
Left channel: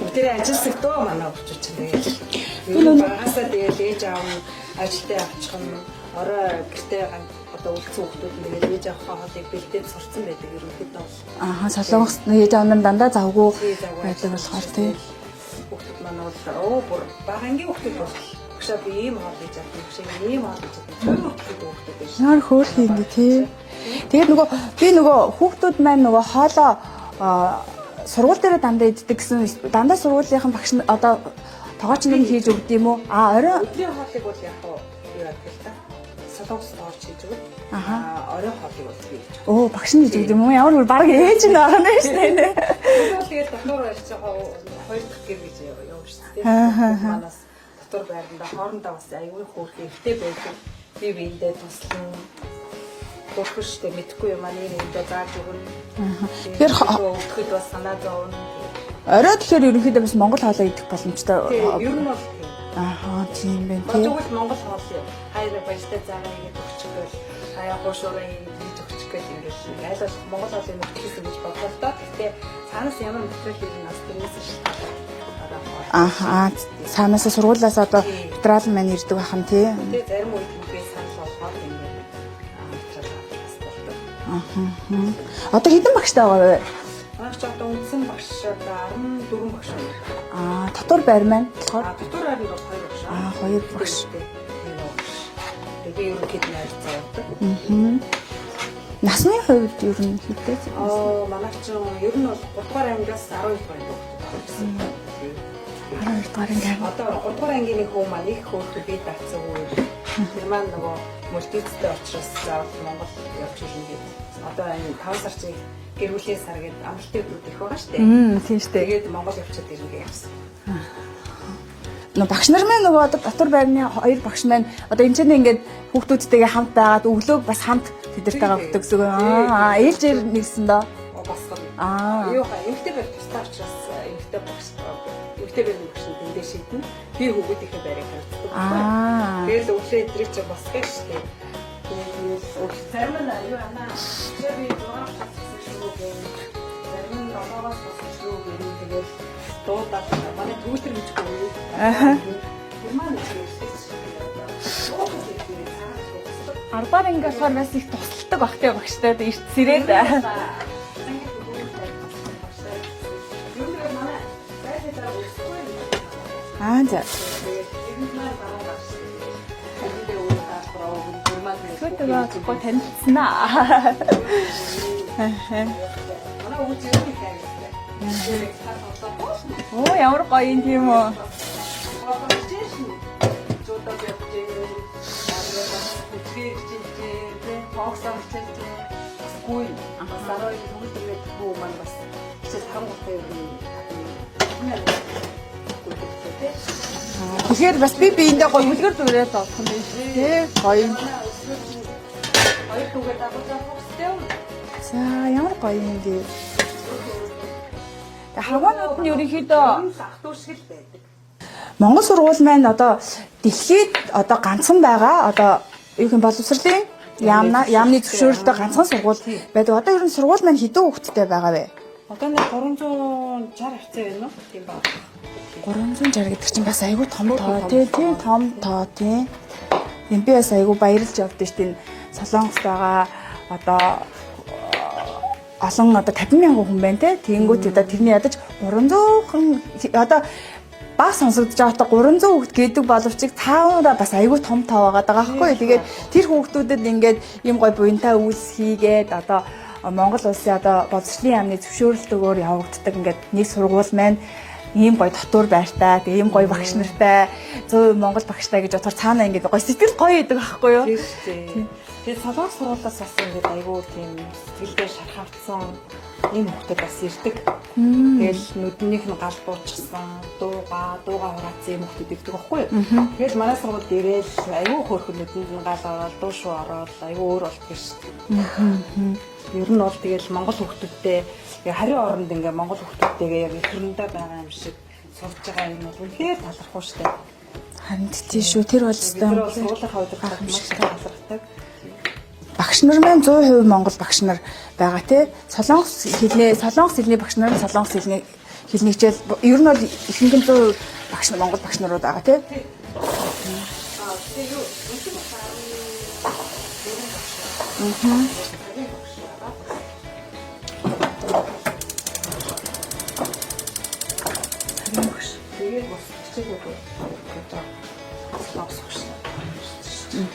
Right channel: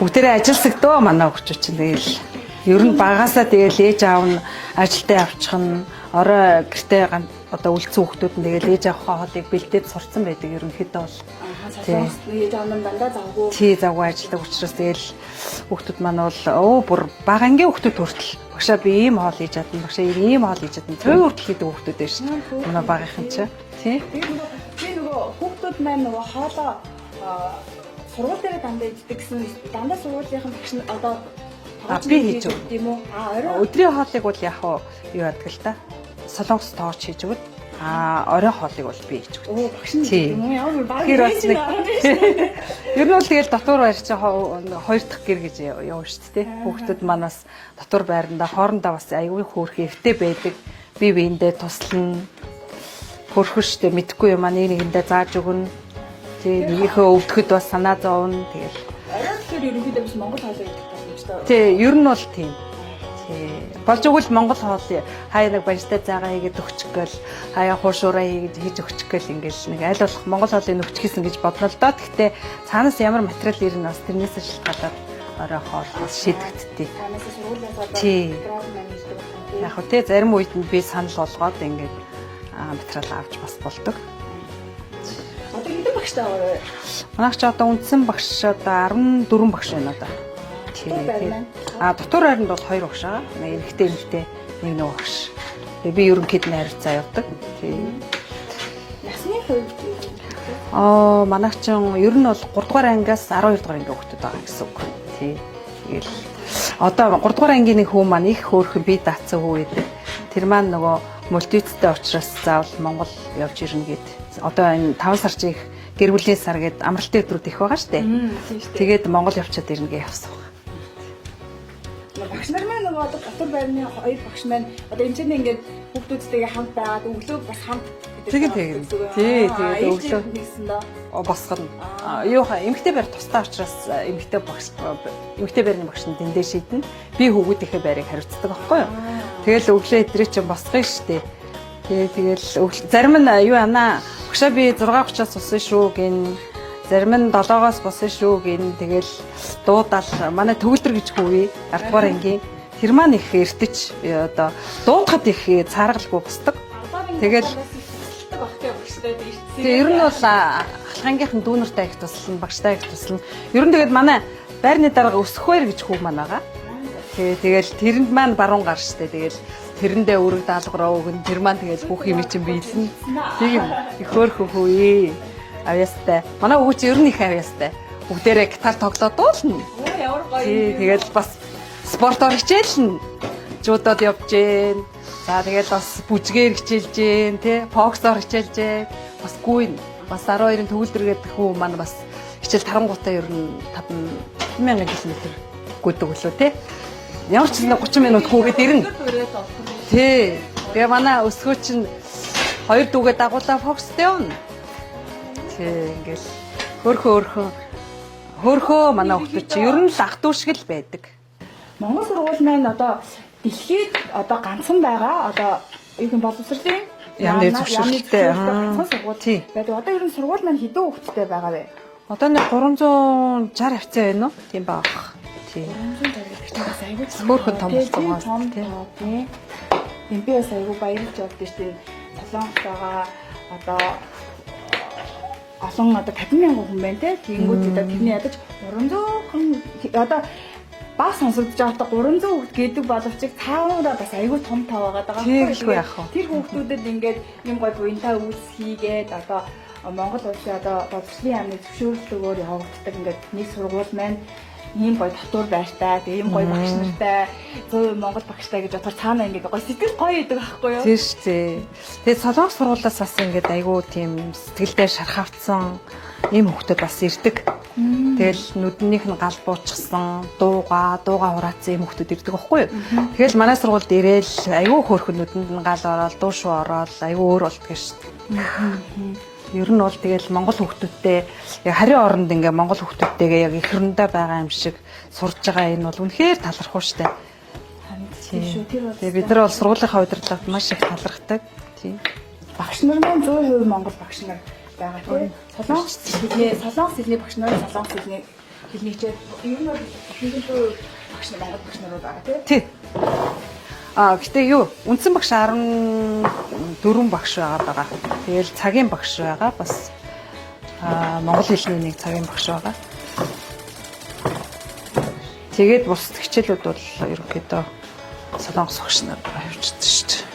бүгдээрээ ажилсагдөө манай хүүхдүүд чинь тэгэл ер нь багасаа тэгэл ээж аав нь ажилдаа явчих нь орой гэртээ одоо үлдсэн хүүхдүүд нь тэгэл ээж аавынхаа хоолыг бэлдээд сурцсан байдаг ерөнхийдөө бол солонгос ээж аав нь дандаа завгүй завгүй ажилладаг учраас тэгэл хүүхдүүд маань бол бүр бага ангийн хүүхдүүд хүртэл багшаа би ийм хоол хийж чадна багшаа ийм хоол хийж чадна төв хүртэл хийдэг хүүхдүүд байж наар хөөрхөн тийм. Тэгээд нөгөө хүүхдүүд маань нөгөө хоолоо сургууль дээр дандаа иддэг гэсэн дандаа сургуулийн багш нь одоо тоогооч нь хийж өгд юм уу? Орой өдрийн хоолыг бол яг юу яадаг л та. Солонгос тоогооч хийж өгд. Орой хоолыг бол би хийж өгд. Багш нь хийж юм уу? Ямар бүр баг ээж нь байгаа нь шүү дээ. Ер нь бол тэгэл дотор байр чинь 2 дахь гэр гэж явна шүү дээ. Хүүхдүүд манаас дотор байранда хоорондоо бас аягүй хөөрхөн эвтэй байдаг. Би биендээ туслана. Хөрхөн штэ мэдхгүй юм аа нэгэндээ зааж өгнө. Тэр өвдөхөд бас санаа зовно. Тэгээд орой тэгэхээр ерөнхийдөө бас монгол хоолоо идэх боломжтой. Тий, ер нь бол тийм. Тийм байна. Болж өгвөл монгол хоол хаяа нэг баяжтай заагаа хийгээд өгчих гээл хаяа хуушуураа хийж өгчих гээл ингээд нэг аль болох монгол хоолыг өгчихсэн гэж бодлоо л доо. Гэхдээ цаанаас ямар материал ирнэ бас тэрнээс шалтгаалаад орой хоол шийдтээ. Цаанаас сургуулиас одоо материал маань ирдэг байх юм тий. Тий, зарим үед нь би санал болгоод ингээд материал авч бас болдог. Одоо хэдэн багштай байгаа вэ? Манайх ч одоо үндсэн багш одоо 14 багш байна одоо. Дотор байр маань. Дотор байранд бол 2 багш аа. 2 ихтэй нэг багш. Тэгээ би ерөнхийд нь харилцаа явуулдаг. Насны хувьд ерөнхийдөө манайх ч ер нь бол 3 дугаар ангиас 12 дугаар анги хүүхдүүд байгаа гэсэн үг. Тий. Одоо 3 дугаар ангийн нэг хүү маань их хөөрхөн бие даацсан үед Тэр маань нөгөө мультицтэй учраас заавал Монгол явж ирнэ гэд. Одоо энэ 5 сар чих гэр бүлийн сар гэд амралтын өдрүүд их байгаа штэ. Тийм шүү дээ. Тэгээд Монгол явчаад ирнэ гэж явсан. Нөгөө багш нар маань нөгөө одоо дотор байрны хоёр багш маань одоо энэ ч ингээд хүүхдүүдтэйгээ хамт байгаад өглөө бас хамт тэдэртэйгээ болдог гэсэн үг. Ээлж нэгсэн доо. Босгоно. Юу хаа эмгтэй байр тусдаа учраас эмгтэй байрны багш нь дэндээ шийднэ. Би хүүхдийнхээ байрыг хариуцдаг байхгүй юу? Тэгэл өглөө эдрээ чинь босгоё штэ. Тэгэл зарим нь юу ана багшаа би 6:30-аас усан шүү гин. Зарим нь 7-оос босон шүү гин. Тэгэл дуудаал манай төгөлдөр гэж хөвгий. Аргаар ангийн тэр маань их эртэж одоо дуудахад их цааргалгүй босдог. Тэгээд бас их тусалдаг багтай багштай ер нь бол хангийнхан дүүнэртэй их туслана, багштай их туслана. Ер нь тэгээд манай байрны дарга өсөхвэр гэж хүү маань байгаа. за. Тэгэл тэрэнд маань баруун гар штэ. Тэгэл тэрэндээ өөрөө даалгавраа өгнө. Тэр маань тэгэл бүх юм чинь биелсэн. Хөөх хөөе. Авьяастай. Манай өвч ер нь их авьяастай. Бүгдээрээ гитар тоглоод дуулна. Оо ямар гоё юм. Тэгэл бас спортоор хичээлнэ. Жуудад явж гэн. За тэгэл бас бүжгээр хичээлж гэн, тий. Боксоор хичээлж гэн. Бас гүйн. Бас 12-ын төгөлдөр гэдэг хүү маань бас хичээл тарангуудаа ер нь 5000 хэлсэн гүйдэг өглөө, тий. Ямар ч юм 30 минут хүүгээд ирнэ. Тий. Гоё манай өсгөө чинь хоёр дүүгээ дагуулаа бокстэй явна. За ямар гоё юм гээ. Хөрхөө манай хүүхэд чинь ер нь л ах トゥ шиг л байдаг. Монгол сургууль маань одоо дэлхийд одоо ганцхан байгаа одоо юу юм боловсролын яамны зөвшөөрөлтэй ганцхан сургууль байдаг. Одоо ер нь сургууль маань хэдэн хүүхэдтэй байгаа вэ? Одоо нэг 360 хавцаа байна уу? Тийм баг. 360 гэдэг чинь бас айгүй том Мөрхөн том. тийм том тоо тийм. Би бас айгүй баярлж явдсан шүү дээ. Солонгост байгаа одоо олон одоо 50,000 хүн байна те. Тэнгүүт одоо тэрний ядаж 300 хүн одоо бас сонсогдож байгаа 300 хүүхэд гэдэг боловч цааваа бас айгүй том тоо байгаа байхгүй. Тэгээд тэр хүүхдүүдэд ингээд юм гой буянтай үйлс хийгээд одоо Монгол улсын одоо боловсролын яамны зөвшөөрлөлтөөр явагддаг ингээд нэг сургууль маань ийм гоё дотор байртай, тэгээ ийм гоё багш нартай, зөв Монгол багштай гэж бодохоор цаанаа ингээд гоё сэтгэл гоё байдаг байхгүй юу? Тийм шүү дээ. Тэгээд солонгос сургуулиас бас ингээд айгүй тийм сэтгэлдээ шархавцсан ийм хүүхдүүд бас ирдэг. Тэгэл нүднийх нь гал буучсан, дууга хураацсан ийм хүүхдүүд ирдэг байхгүй юу? Тэгэл манай сургуульд ирээл айгүй хөөрхөн нүдэнд нь гал ороод, дуу шуу ороод айгүй өөр болдгоо шүү дээ. Ер нь бол тэгэл Монгол хүүхдүүдтэй харийн оронд ингээ Монгол хүүхдүүдтэйгээ яг их хөрөндөө байгаа юм шиг сурж байгаа энэ бол үнэхээр талархав штэ. Харин тийм шүү. Тэр бол бид нар бол сургуулийнхаа удирдлагад маш их талархдаг. Тийм. Багш нар маань 100% Монгол багш нар байгаа тий. Солонгос хэлний багш нар солонгос хэлний хичээл ер нь бол ихэнх нь 100% багш нар Монгол багш нарууд байгаа тий. Гэтэ юу үндсэн багш 14 багш байгаа. Тэгэл цагийн багш байгаа бас монгол хэлний нэг цагийн багш байгаа. Тэгээд бус хичээлүүд бол ерөнхийдөө солонгос багш нар явуулдаг шүү дээ.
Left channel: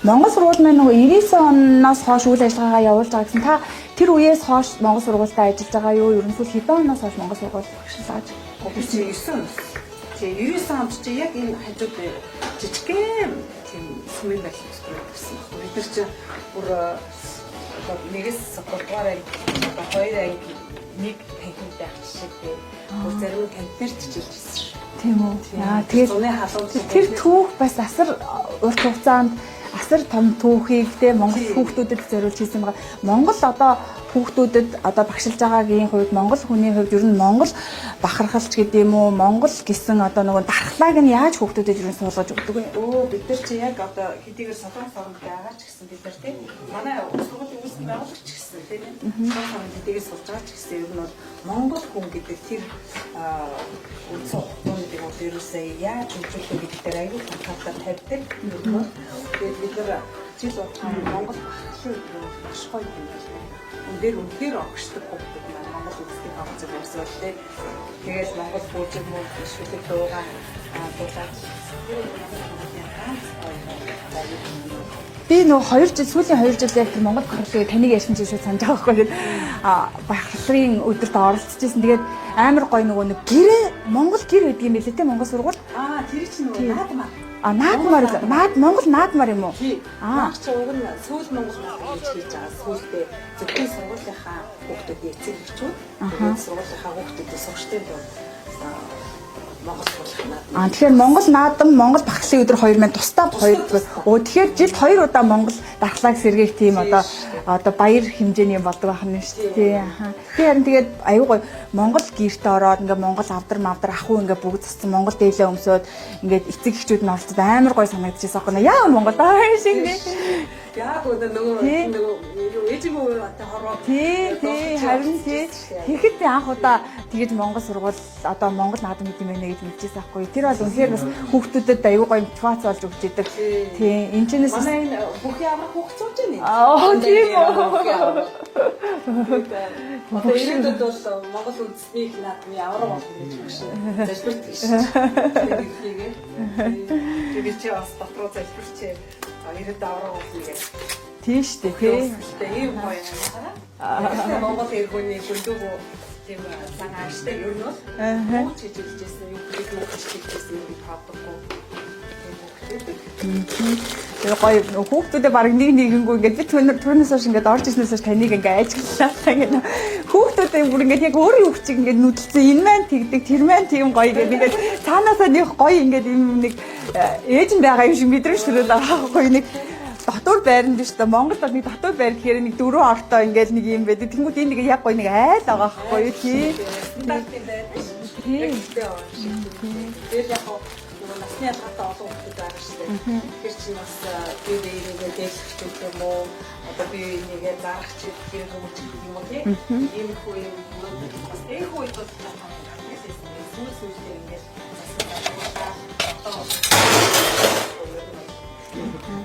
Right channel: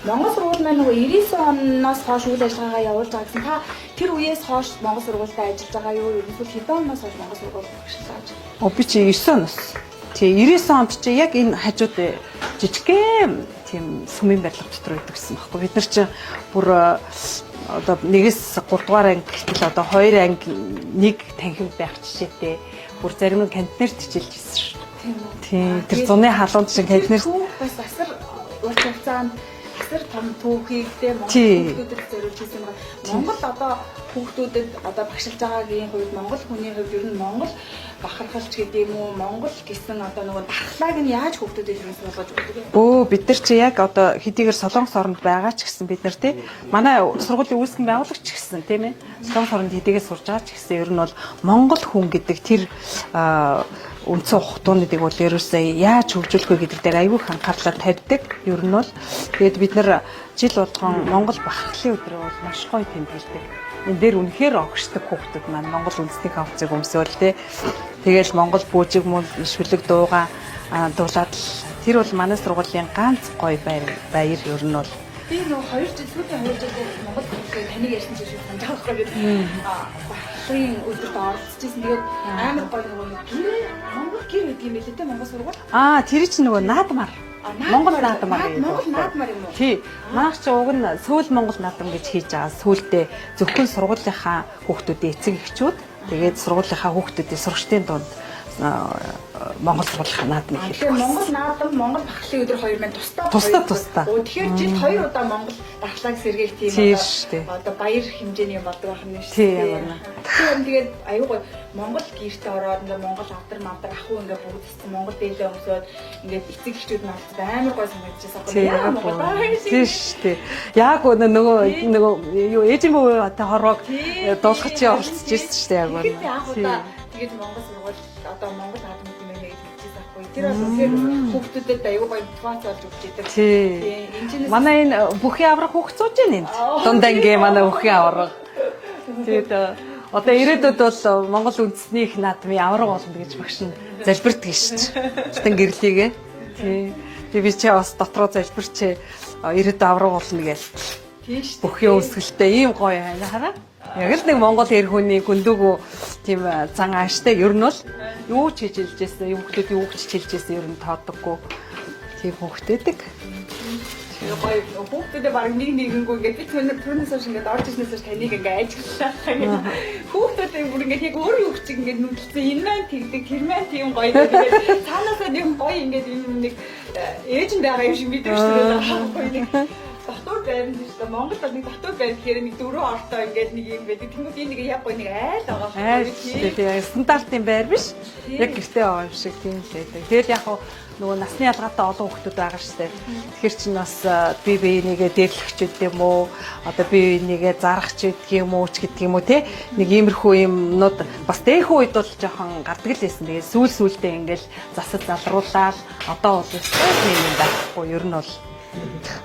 Монгол сургууль маань нөгөө 99 оноос хойш үйл ажиллагаагаа явуулж байгаа гэсэн. Та тэр үеэс хойш Монгол сургуультай ажиллаж байгаа юу? Ерөнхийдөө хэдэн оноос хойш Монгол сургуульд багшлаж байгаа? Би чи 9 оноос. Чи 99 онд чи яг энэ хажууд жижигхэн тийм сүмийн байдлал дотор байдаг гэсэн баггүй. Бид нар чи бүр одоо 1-с 3 дугаар анги гэтэл одоо 2 анги нэг танхим байх жишээтэй. Бүр зарим нь кантинерт хичээлж байсан шүү. Тийм үү. Тэр зуны халуунд шиг кантинер түүх бас асар урт хугацаанд асар том түүхийг те Монгол хүүхдүүдэд зориулж хийсэн байгаа. Монгол одоо хүүхдүүдэд одоо багшилж байгаагийн хувьд Монгол хүний хувьд ер нь Монгол бахархалч гэдэг юм уу Монгол гэсэн одоо нөгөө дархлааг нь яаж хүүхдүүдэд ер нь суулгаж өгдөг вэ? Бид нар чи яг одоо хэдийгээр Солонгос оронд байгаа ч гэсэн бид нар тий манай сургуулийн үүсгэн байгуулагч ч гэсэн тийм ээ Солонгос оронд хэдийгээр сурж байгаа ч гэсэн ер нь бол Монгол хүн гэдэг тэр үндсэн ухтуунуудыг бол ерөөсөө яаж хөгжүүлэх вэ гэдэг дээр аягүй их анхаарлаа тавьдаг. Ер нь бол тэгээд бид нар жил болгон Монгол бахархлын өдрөө бол маш гоё тэмдэглэдэг. Энэ дээр үнэхээр огшдог хүүхдүүд маань Монгол үндэсний конференцийг өмсөөл тий. Тэгээл Монгол бүжиг мөн шүлэг дуугаа дуулаад тэр бол манай сургуулийн ганц гоё баяр ер нь бол Би нөгөө 2 жил сүүлийн 2 жил яг Монгол бахархлыг таныг ярьсан чинь санаж байгаа байхгүй тэгээд бахархлын өдөрт оролцчихсэн. Тэгээд амар гоё нөгөө нэг гэрээ Монгол гэр гэдэг юм билээ те Монгол сургууль. Тэр чинь нөгөө наадмаар. Монгол наадмаар юм уу? Тий. Маах чи уг нь сүүл Монгол наадам гэж хийж байгаа. Сүүлдээ зөвхөн сургуулийнхаа хүүхдүүдийн эцэг эхчүүд тэгээд сургуулийнхаа хүүхдүүдийн сурагчдын дунд Монгол сургуулийн наадам. Тэгэхээр Монгол наадам, Монгол бахархлын өдөр хоёр маань тусдаа. Тэгэхээр жилд 2 удаа Монгол дархлааг сэргээх тийм одоо баяр хэмжээний болдог байх нь шүү дээ. Тэгэхээр тэгээд аюу гой Монгол гэрт ороод ингээ Монгол авдар ахуй ингээ бүгд цацсан Монгол дээлээ өмсөөд ингээ эцэг эхчүүд нь оролцоод амар гой санагдчихсан байхгүй яа Монгол тийм шүү дээ. Яг нөгөө ээжийн бүү хорвоо дуулах чи оролцож ирсэн шүү дээ яг. Тэгэхэд анх удаа тэгээд Монгол сургууль одоо Монгол наадам гэдэг юм гэж мэдчихсэн байхгүй. Тэр бол үнэхээр бас хүүхдүүдэд аюу гой мотивац болж өгч идэг. Тийм. Энэчнээс манай энэ бүхий аврах хүүхд сууж байна. Дундаа ингээ манай бүхий аврах. Тэгээд одоо ирээдүйд бол Монгол үндэсний их наадмын авраг болно гэж багш нь залбирдаг шүү дээ. Гэтэн гэрлийгээ. Тэгээ би чи бас дотроо залбирч ирээдүйд авраг болно гэж. тийм шүү дээ. Бүхий өсгөлтэй ийм гоё хараа. Яг л нэг Монгол эр хүний гүндүүгөө тийм зан ааштай ер нь бол юу ч хийж илжсэн, юм хүмүүс юу ч хийжсэн ер нь тооддоггүй. Тийм хүүхдээдэг. Тэгээ гоё хүүхдүүдээ баг нэгэнгүү ингээд би түүнээс хойш ингээд орж ирснээс хойш таныг ингээд ажиглалаа гэх. Хүүхдүүдээ бүр ингээд яг өөрийн хүүхчиг ингээд нүдэлцэн энэ маань тэгдэг тэр маань тийм гоё гэдэг. Цаанаасаа нэг гоё ингээд юм нэг ээж нь байгаа юм шиг мэдрэмж төрөл авахгүй нэг дотор байранд биш та Монголд нэг дотор байр гэхээр нэг 4 ортой ингээд нэг юм байдаг. Тэнгүүд энэ нэг яг гоё нэг айл байгаа байхгүй тийм стандартын байр биш. Яг гэртээ байгаа юм шиг тийм байдаг. Тэгэл яг нөгөө насны ялгаатай олон хүмүүс байгаа шүү дээ. Тэгэхээр чинь бас би нэгээ дээрлэгч гэдэг юм уу? Одоо би нэгээ зарахч гэдэг юм уу ч гэдэг юм уу те? Нэг иймэрхүү юмнууд бас дээхэн үед бол жоохон гардаг л байсан. Тэгээ сүүл-сүүлдээ ингээл засал задруулаад одоо бол юм байхгүй ер нь бол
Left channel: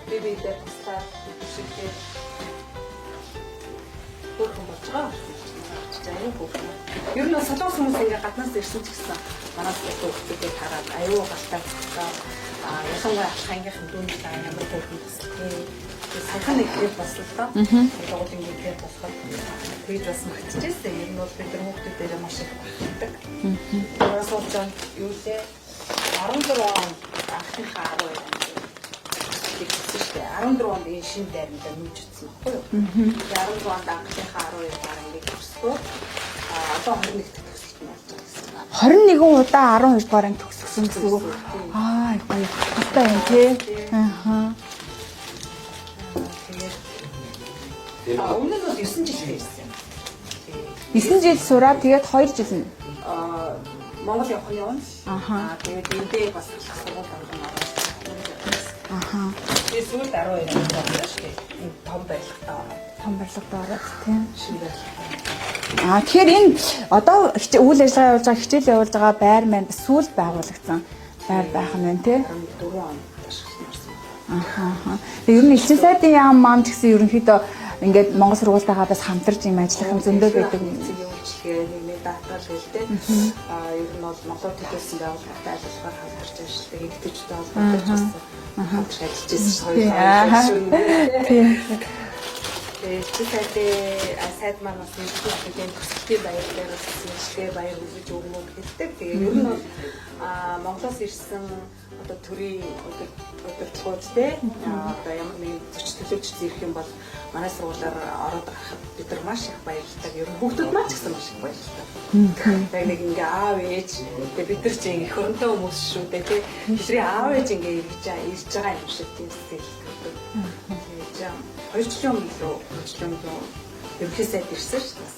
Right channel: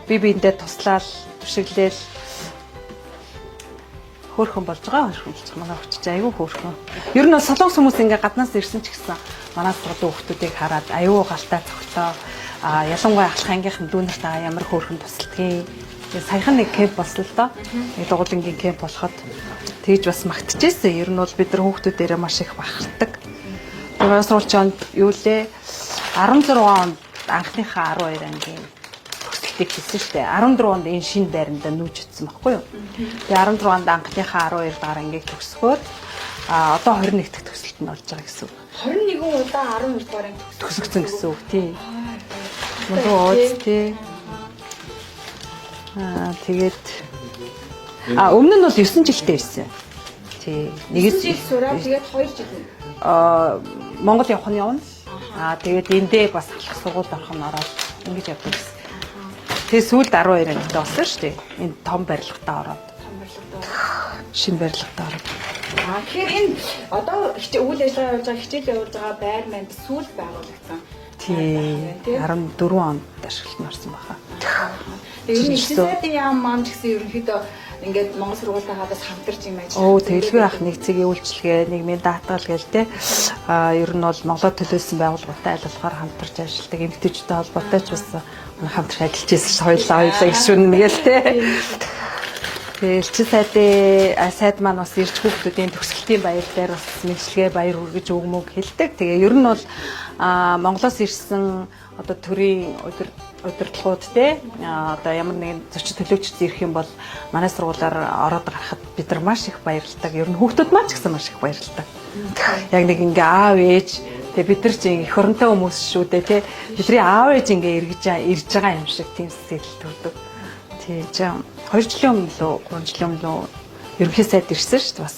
би биэндээ туслаад түшиглээл хөөрхөн болж байгаа манай хүчтэй аюу хөөрхөн. Ер нь солонгос хүмүүс ингээ гаднаас ирсэн ч гэсэн манай сургуулийн хүүхдүүдийг хараад аюу галтаа цогтоо ялангуяа ахлах ангийнхан дүүнэртэй ямар хөөрхөн тусалдгийг. Тэгээ саяхан нэг кемп болсон л доо. Нэг дугуйлангийн кемп болоход тэгж бас магтчихсэн. Ер нь бол бид нар хүүхдүүдээрээ маш их бахархдаг. Манай сургуулийн юу лээ 16 онд анхныхаа 12 ангийн хийсэн шүү дээ. 14 онд энэ шинэ байранда нүүж утсан байхгүй юу? Тэгээ 16 онд анхныхаа 12 дахь ангийг төгсгөөд одоо 21 дахь төгсөлт нь болж байгаа гэсэн үг. 21 удаа 12 дугаар анги төгсгсөн гэсэн үг тийм. Тэгээд өмнө нь бол 9 жилдээ ирсэн. Тий. 1 жил сураад тэгээд 2 жил нь Монгол явах нь явна. Тэгээд эндээ бас алах сургуульд орох нь ороод ингэж явдаг гэсэн. Тэгээ сүүлд 12 ангид болсон шүү дээ. Энэ том барилгатаа ороод. Шинэ барилгатаа ороод. Тэгэхээр энэ одоо үйл ажиллагаа явуулж байгаа хичээл явуулж байгаа байр маань сүүлд байгуулагдсан. Тийм байх нь тий 14 онд ашиглалтанд орсон байна. Тэгээ ер нь ихсэн сайдын яам маань ч гэсэн ерөнхийдөө ингээд Монгол сургуультайгаа бас хамтарч юм ажиллах зөндөө байх нэгцгийн үйлчлэгээ, нийгмийн даатгал гээл те. Ер нь бол Монголд төлөөлсөн байгууллагатай аль болохоор хамтарч ажилладаг эмэгтэйчүүдтэй холбоотой ч бас хамтарч ажиллаж байсан хоёулаа гişүн гээл те. Тэгээ элчин сайд маань бас ирж хүүхдүүдийн төгсгөлтийн баяр дээр бас мэдлэгээ баяр хүргэж өгмөг хэлдэг. Тэгээ ер нь бол Монголоос ирсэн одоо төрийн удирдлагууд те одоо ямар нэгэн зочид төлөөлөгч ирэх юм бол манай сургуулиар ороод гарахад бид нар маш их баярлалдаг. Ер нь хүүхдүүд маань ч гэсэн маш их баярлалдаг. Яг нэг ингээ аав ээж Тэгээ бид нар ч эх оронтой хүмүүс шүү дээ тий. Бидний аав ээж ингээ ирж байгаа юм шиг тийм сэтгэл төрдөг. Тэгж 2 жилийн өмнө лөө 3 жилийн өмнө лөө ерөнхий сайд ирсэн шүү дээ бас.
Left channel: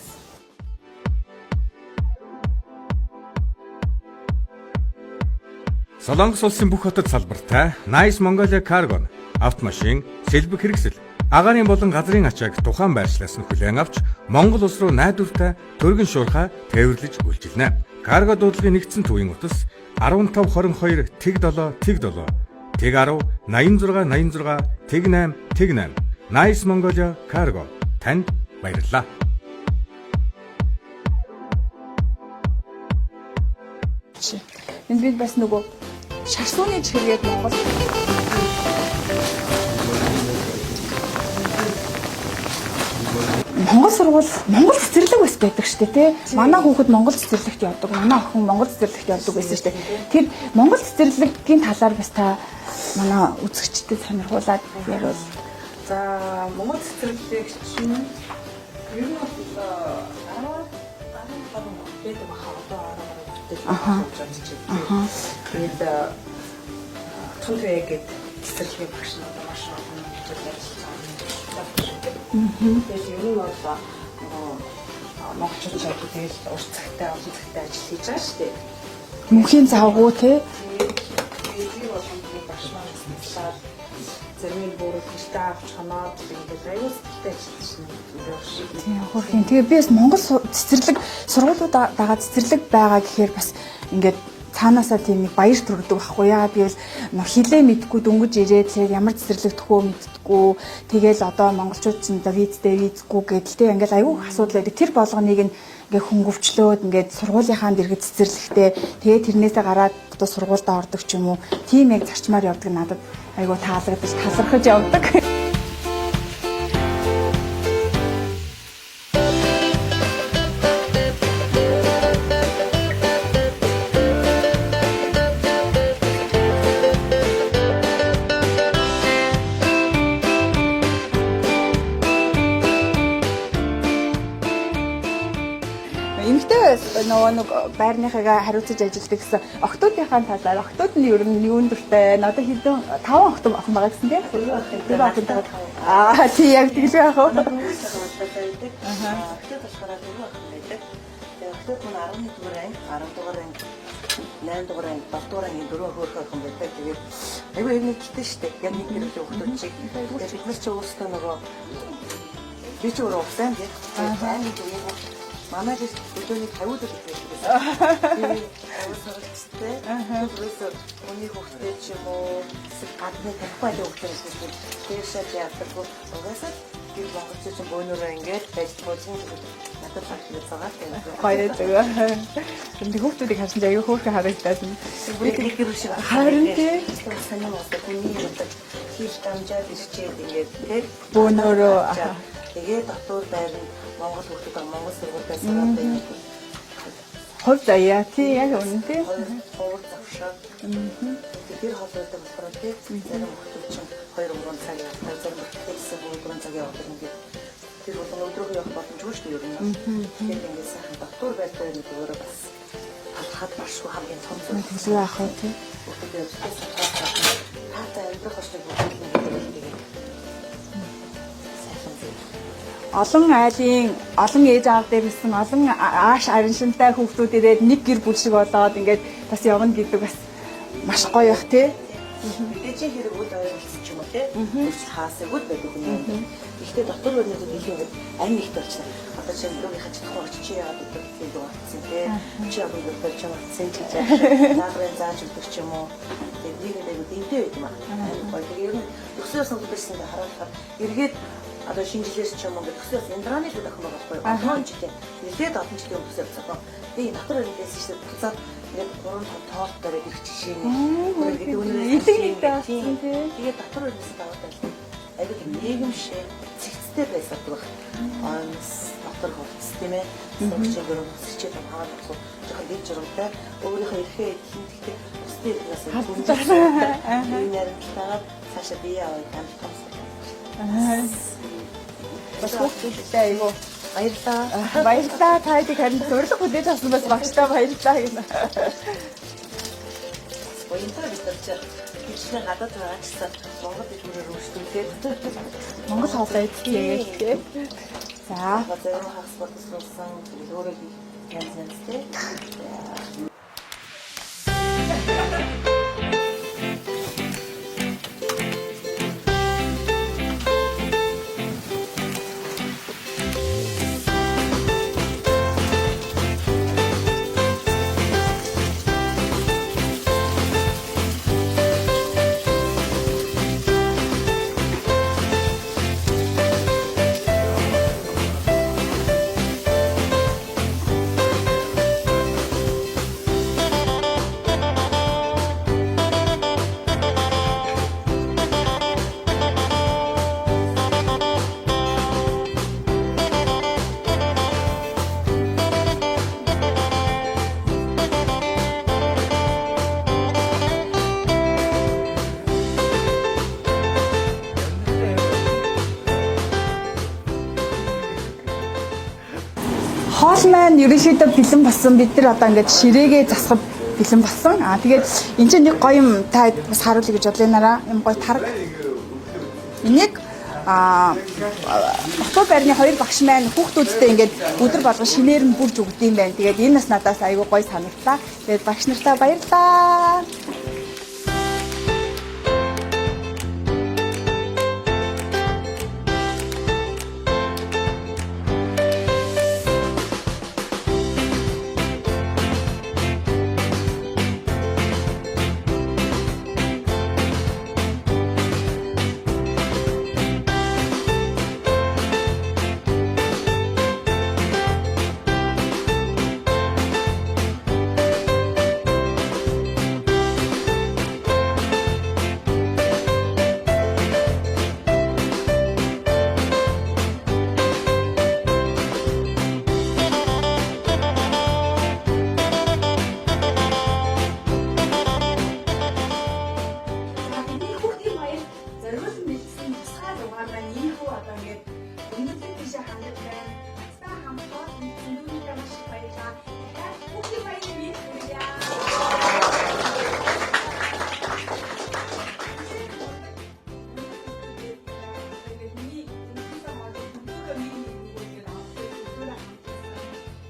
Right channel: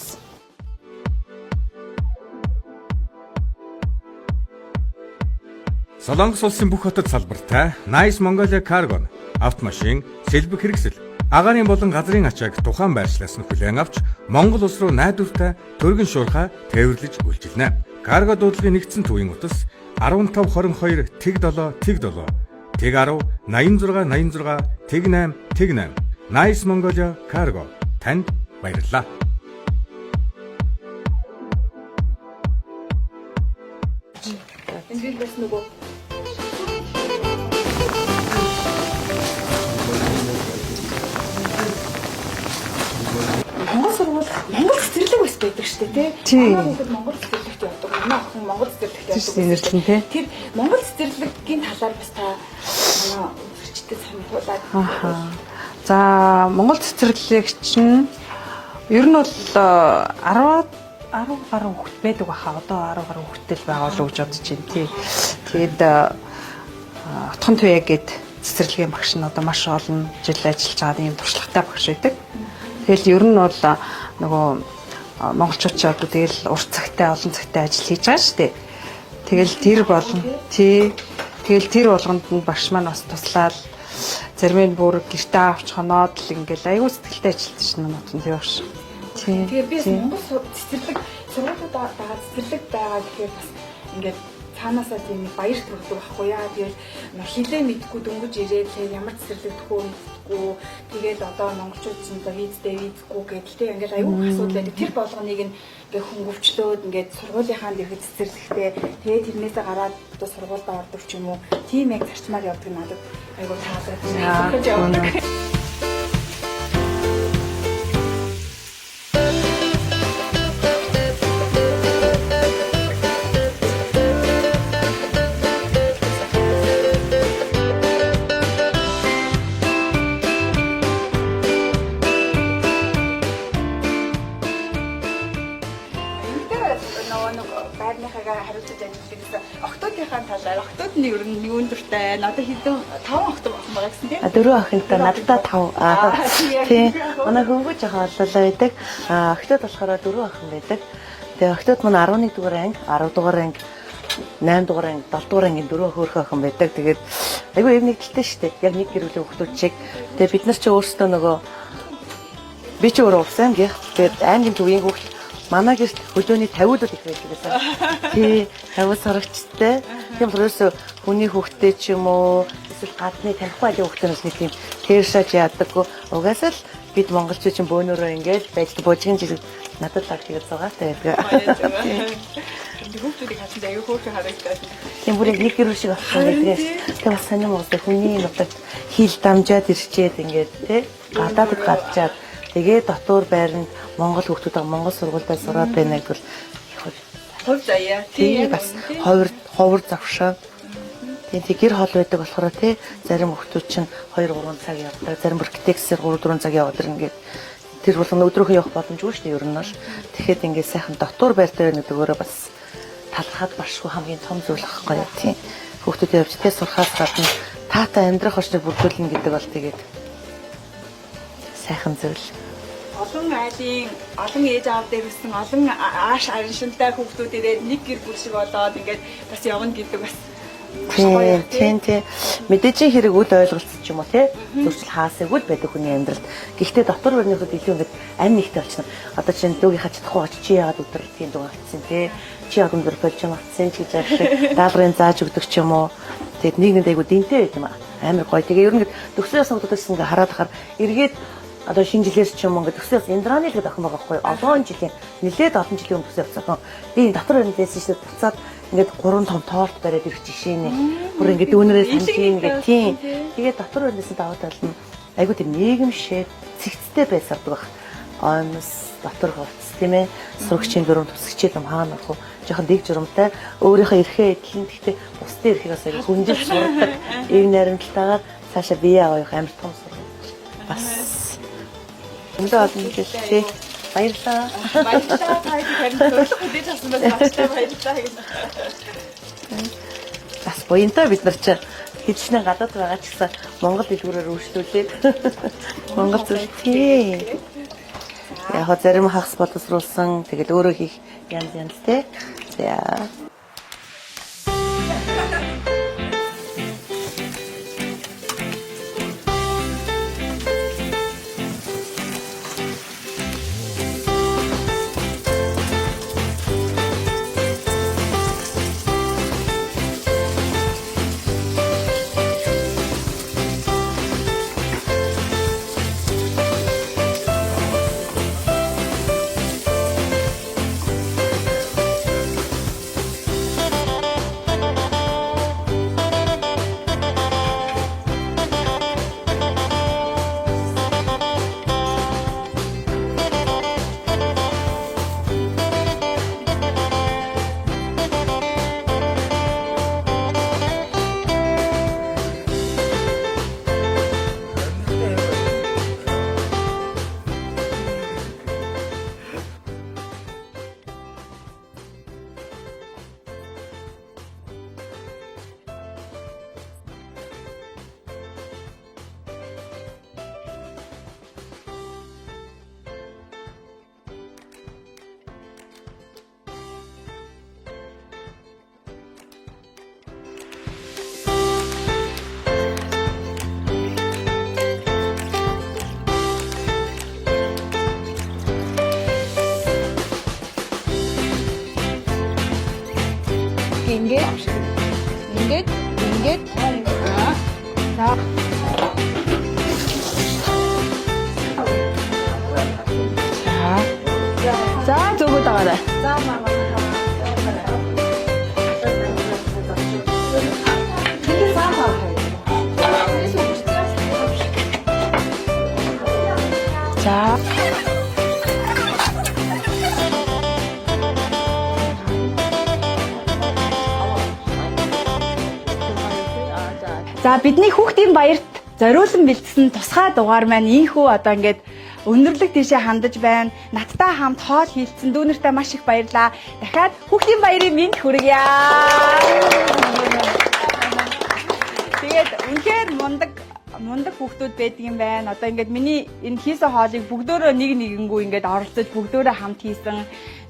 Солонгос улсын бүх хотод салбартай Nice Mongolia Cargo автомашин, сэлбэг хэрэгсэл, агаарын болон газрын ачааг тухайн байршлаас нь хүлээн авч Монгол улс руу найдвартай төргөн шуурхай тээвэрлэж үйлчилнэ. Карго дуудлагын нэгдсэн төвийн утас 1522 тэг 7 тэг 7 тэг 10 86 86 тэг 8 тэг 8 Nice Mongolia Cargo танд баярлалаа. Энд би бас нөгөө шашууны чигээр Монгол сургууль Монгол цэцэрлэг бас байдаг шүү дээ тий. Манай хүүхэд Монгол цэцэрлэгт явдаг. Манай охин Монгол цэцэрлэгт явдаг байсан шүү дээ. Тэр Монгол цэцэрлэгийн талаар бас та манай үзэгчдэд сануулад явуул. За Монгол цэцэрлэг чинь ер нь бол 10 гаруй хүүхэд байдаг баха. Одоо 10 гаруй хүүхэдтэй байгаа л гэж бодож байна тий. Тэгээд отхон туяа гээд цэцэрлэгийн багш нь одоо маш олон жил ажиллаж байгаа юм туршлагатай багш байдаг. Тэгэл ер нь бол нөгөө монголчууд ч одоо тэгэл урт цагтай олон цагтай ажил хийж байгаа шүү дээ. Тэгэл тэр болгонд тий. Тэгэл тэр болгонд нь багш маань бас туслаад зарим нь бүр гэртээ авч хоноод л ингээл аюул сэтгэлтэй ажиллаж шин юм тий багш. Тэгээ би бас Монгол цэцэрлэг сургуулиуд байгаа цэцэрлэг байгаа гэхээр бас ингээд цаанаасаа тийм баяр төрөгдөг байхгүй яа. Тэгэл хилээ мэдгүй дөнгөж ирээд ямар цэцэрлэг төхөө мэдтгүү. Тэгэл одоо монголчууд ч одоо визгүй гэдэлтэй ингээл аюул асуудал байдаг. Тэр болгоныг ингээ хөнгөвчлөөд ингээд сургуулийнхаа дэргэд цэцэрлэгтэй тэгээ тэрнээсээ гараад одоо сургуультай ордог ч юм уу. Тийм яг зарчмаар явдаг надад аюул таалагдаж талархаж явдаг. Байрныхаа хариуцаж ажилладаг гэсэн охтуудынхаа талаар охтууд нь ер нь юунд дуртай надад хэдэн 5 охин байгаа гэсэн тийм 4 охинтой надад 5 тийм яг тийм яг манай гүгэж байгаа болоо байдаг охтууд болохоор 4 охин байдаг тэгээ охтууд мань 11 дугаар анги 10 дугаар анги 8 дугаар анги 7 дугаар анги 4 хөөрхөн охин байдаг тэгээд айгүй юм нэгдэлтэй шүү дээ яг нэг гэрүүлийн охтууд чиг тэгээ бид нар ч өөрсдөө нөгөө би ч өөрөө усан гэх тэгээд ангийн төвийн хүүхд манай гэрт хөлөөний 50-д их байсан. Тий, 50 сурагчтай. Тийм өөрөөсөө хүний хүүхдтэй ч юм уу, эсвэл гадны танихгүй айлын хүүхдээс нэг тийм тэршаж яадаггүй. Угаасаа л бид монголчууд чинь бөөнөрөө ингээд байж божгийн жирэг надад лаг тэгээд цагаатай яг. Баяр зүгээр. Энд хүүхдүүдийг харсан аягүй хөөрхөн харагдаад. Тийм бүр нэг гэр шиг байна. Тэгээд бас сонирм уусаа хүний бодод хил дамжаад ирчээд ингээд тий. Бөөнөрөө хатчаад тэгээ дотор байрны Монгол хүүхдүүд Монгол сургуультай сураад байна гэвэл хов заяа тийм ховор завшаа. Тэгээд гэр хол байдаг болохоор тий зарим хүүхдүүд чинь 2 3 цаг явдаг, зарим бүртгэгсээр 3 4 цаг яваад ингээд тэр болгоно өдрөөхөө явах боломжгүй шүү дээ ер нь бол. Тэгэхэд ингээд сайхан дотор байртай байна гэдэг өөрөө бас талхаад башгүй хамгийн том зүйл байхгүй тий. Хүүхдүүдээ явжтэй сурахаас гадна таатай амьдрах орчныг бүрдүүлнэ гэдэг бол тэгээд сайхан зүйл. Олон айлын олон ээж аав дээр ирсэн олон ааш араншинтай хүүхдүүд ирээд нэг гэр бүл шиг болоод ингээд бас явна гэдэг бас маш гоё тийм. Мэдээж хэрэг үл ойлголцсон ч юм уу тий. Төрчл хаасаггүй байдаг хүний амьдрал. Гэхдээ дотор барьнууд илүү ингээд ань нэгтэй болчихно. Одоо чинь дүүгийнхаа чадахгүй очиж чи яагаад өдрөлтгийн дуу авцсан тий. Чи яг өндөр болж авцсан гэж яах даалгаврын зааж өгдөг ч юм уу. Тэгээд нэг нэг айгу динтэй байт юм аа. Амар гоё. Тэгээ ер нь төгсөөс удаас ингээд хараад хахаар эргээд одоо шинэ жилээс ч юм уу ингээд төсөөс Индраны л охин байгаа байхгүй олон жилийн нэлээд олон жилийн өмнө төсөө авсан. Би дотор байна гэсэн чинь буцаад ингээд 3 том торт бариад ирчих шийний. Бүр ингээд дүүнэрээ санджийн ингээд тийм. Тэгээд дотор байнаас даваад байлна. Айгуу тийм нийгэмшээ цэгцтэй байсаад байх. Онс дотор хувцс тийм ээ. Сурагчийн дөрөв тусагчид юм хаана ах вэ? Жохон дэг журамтай өөрийнхөө эрхээ эдлэн гэхдээ бусдын эрхийг бас хүнжиж суудаг. Ийм нарийнтайгаар цаашаа бие авах амар том. Бас энэ олон жилтэй Баярлалаа. Баярлалаа. Та хэд харин зөвлөх хүлээж авсан бас багшлаа баярлалаа гэнэ. Бас буянтай бид нар ч хэдчнээ гадаад байгаа ч гэсэн Монгол дэлгүүрээр үйлчлүүлээд Монгол зүйл. Яг зарим хагас боловсруулсан тэгэл өөрөө хийх янз тий. За. Хоол маань ерөнхийдөө бэлэн болсон. Бид нар одоо ингээд ширээгээ засахад бэлэн болсон. Тэгээд энэ чинь нэг гоё юм та бас харуулъя гэж бодлоо. Юм гоё тарга. Энийг Хотоо байрны хоёр багш маань хүүхдүүдтэй ингээд өдөр болгон шинээр нь бүрж өгд юм байна. Тэгээд энэ бас надаас айгүй гоё санагдлаа. Тэгээд багш нартаа баярлалаа. За бидний хүүхдийн баярт зориулан бэлдсэн тусгай дугаар маань ийхүү одоо ингээд өндөрлөг тийшээ хандаж байна. Надтай хамт хоол хийлцэн дүүнэртээ маш их баярлаа. Дахиад хүүхдийн баярын мэнд хүргье. Тэгээд үнэхээр мундаг хүүхдүүд байдаг юм байна. Одоо ингээд миний энэ хийсэн хоолыг бүгдөө нэгэнгүү ингээд оролцож бүгдөө хамт хийсэн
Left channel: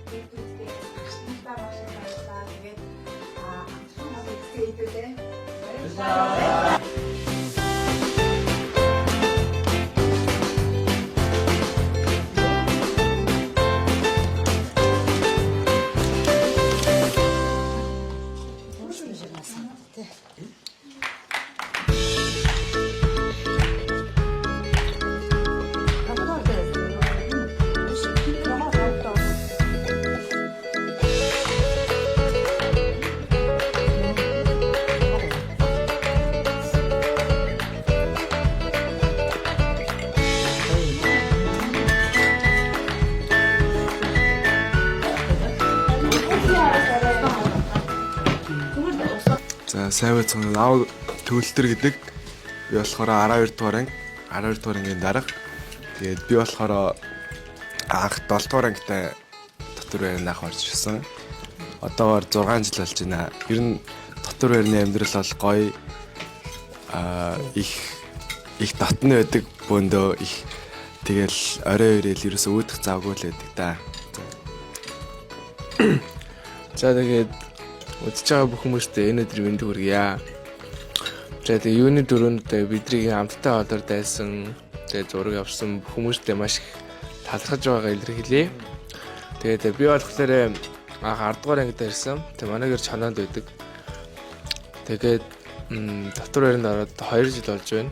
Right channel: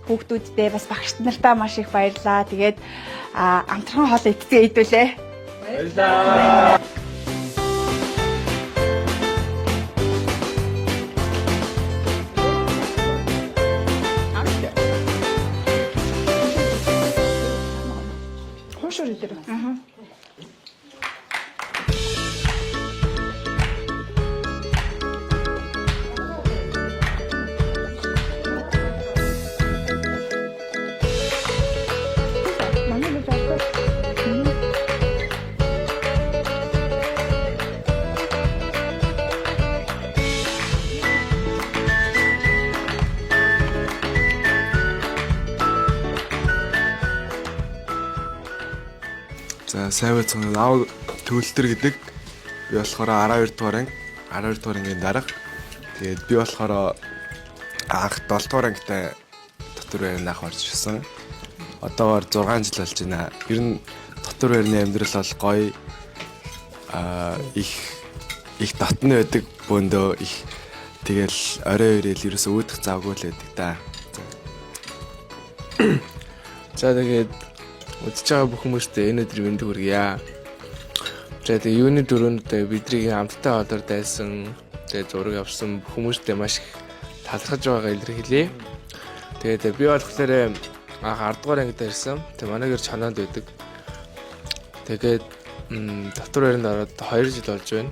хүүхдүүдтэй бас багш нартаа маш их баярлаа. Тэгээд амтхан хоол идсэн хэдүүлээ. Баярлалаа. За сайн байцгаана. Аав төвлөлтөр гэдэг. Би болохоор 12 дугаар ангийн дарга. Тэгээд би болохоор анх 7 дугаар ангитай дотор байрны ах орж ирсэн. Одоогоор 6 жил болж байна. Ер нь дотор байрны амьдрал бол гоё их татны байдаг бөөндөө их тэгэл орой өрөөл ерөөсөө үүдэх завгүй л байдаг да. За тэгээд үзэж байгаа бүх хүмүүстээ энэ өдрийн мэнд хүргье. За тэгээд юуны дөрөнд бидний хамтдаа одоор дайсан тэгээд зураг авсан бүх хүмүүстээ маш их талархаж байгааг илэрхийлье. Тэгээд би болохоор анх 10 дугаар ангид ирсэн. Тэгээд манай гэр чанаад байдаг. Тэгээд дотор байранд ороод 2 жил болж байна.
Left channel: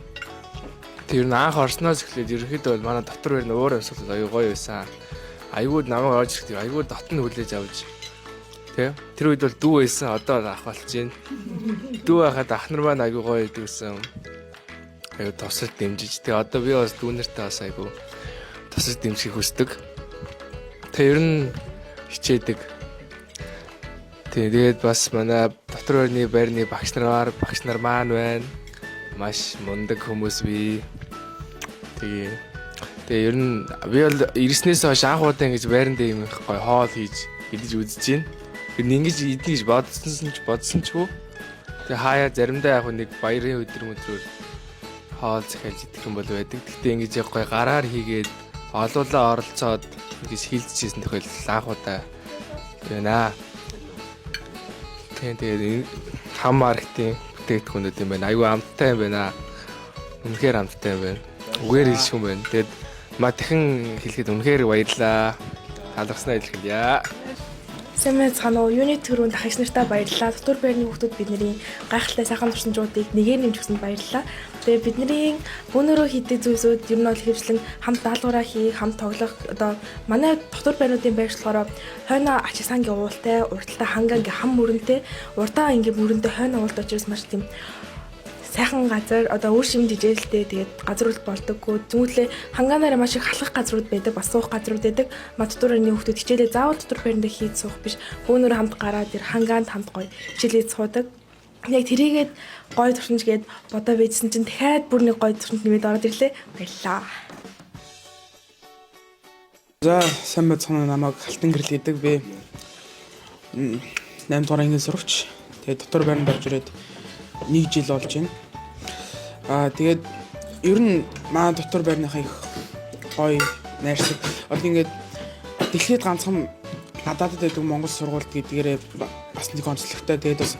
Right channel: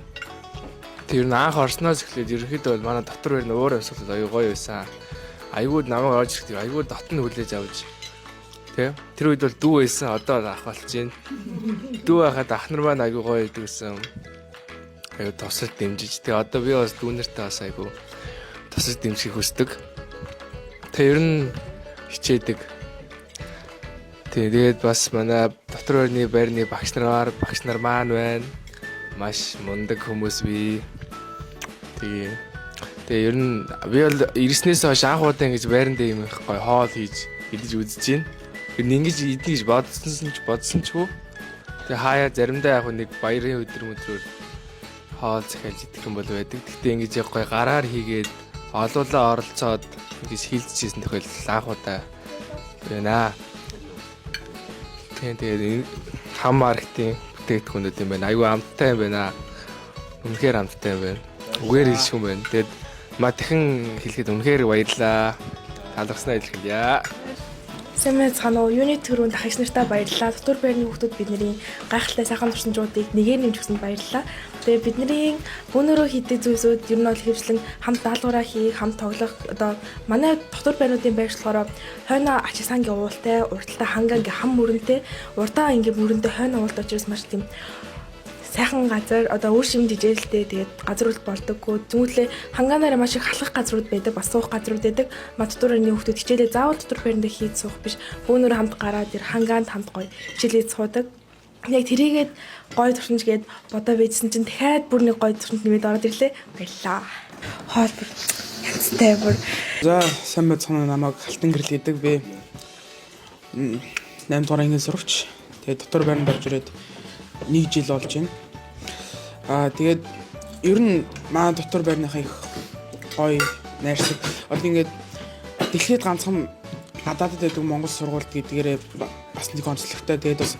Тэр нь анх орсноос эхлээд ерөнхийдөө бол манай дотор байрны өөр амьсгал аюу гоё байсан. Аюуд намайг орж ирэхдээ аюуд дотн хүлээж авч тэр үед бол дүү байсан, одоо ах болж байна. Дүү байхад ах нар маань аюу гоё идэг гэсэн. Аюу тусал дэмжиж. Тэгээ одоо би бас дүүнэртэй бас аюу тусал дэмжих хүсдэг. Тэгээ ер нь хичээдэг. Тэгээд бас манай дотор байрны багш нар маань байна. Маш мундаг хүмүүс бий. Тэгээ Тэгээ ер нь би бол ирснээс хойш анх удаа ингэж байран дээр юм их гоё хоол хийж идэж үзэж байна. Тэр ингэж идэх гэж бодсон ч хөө. Тэгээ хаяа заримдаа яг нэг баярын өдрөөр хоол захиалж идэх юм бол байдаг. Гэхдээ ингэж яг гоё гараар хийгээд олуулаа оролцоод ингэж хилдчихсэн тохиолдол анх удаа байна. Тэгээд хам маркетинг бүтээгдэхүүнүүд юм байна. Аюу амттай юм байна. Үнэхээр амттай юм байна. Үгээр хэлшгүй юм байна. Тэгээд дахин хэлэхэд үнэхээр баярлалаа. Талархснаа илэрхийлье. Сайн мэцхан уу юуны төрөнд ахиж нартаа баярлалаа. Дотор байрны хүүхдүүд бидний гайхалтай сайхан туршинчуудыг нэгээр нэмж өгсөнд баярлалаа. Тэгээ бидний бүүнөрөө хийдэг зүйлсүүд ер нь бол хэвшлэн хамт даалгавраа хийх, хамт тоглох одоо манай дотор байрнуудын байрш болохоор хойно ачаа сангийн уултай, урталтай хангаа ингээ хам мөрөнтэй, урдаа ингээ мөрөнтэй хойно уулт очроос маш тийм сайхан газар одоо үр шим жижээлтэй тэгээд газрууд болдоггүй зүгтлээ хангаанаараа маш их халах газрууд байдаг бас суух газрууд байдаг мадтуурны хүүхдүүд хичээлээ заавал дотор байранда хийж суух биш бөөнөр хамт гараад тэр хангаанд хамт гоё хичээлээ суудаг яг тэрийгээд гоё туршинчгээд бодоо байжсэн чинь дахиад бүр нэг гоё туршинч нэмээд ороод ирлээ баярлаа хоол бүр янзтай бүр за сайн байцгаана намайг Алтан гэрэл гэдэг би 8 дугаар ангийн сурагч тэгээд дотор байранд орж ирээд 1 жил болж байна. Тэгээд ер нь манай дотор байрныхаа их гоё найрсаг. Одоо ингээд дэлхийд ганцхан надад байдаг Монгол сургууль гэдгээрээ бас нэг онцлогтой. Тэгээд бас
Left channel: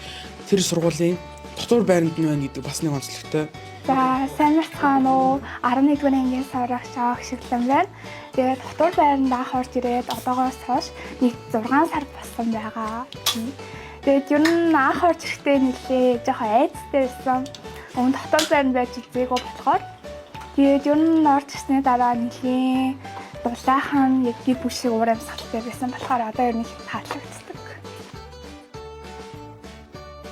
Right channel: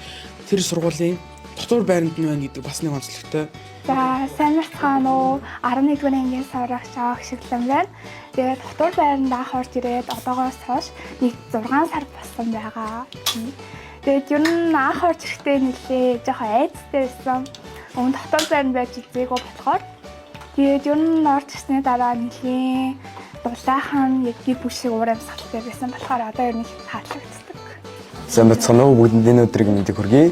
тэр сургуулийн дотор байранд нь байна гэдэг бас нэг онцлогтой. За сайн мэцхан уу 11-р ангийн сурагч Агшиглан байна. Тэгээд дотор байранд анх орж ирээд одоогоос хойш нэг 6 сар болсон байгаа. Тэгээд ер нь анх орж ирэхдээ нэлээ жоохон айцтай байсан. Өмнө дотор байранд байж үзээгүй болохоор тэгээд ер нь орж ирсний дараа нэлээ дулаахан яг гэр бүл шиг уур амьсгалтай байсан болохоор одоо ер нь таалагддаг. Сайн бацхан уу бүгдний өдрийг мэндийг хүргэе.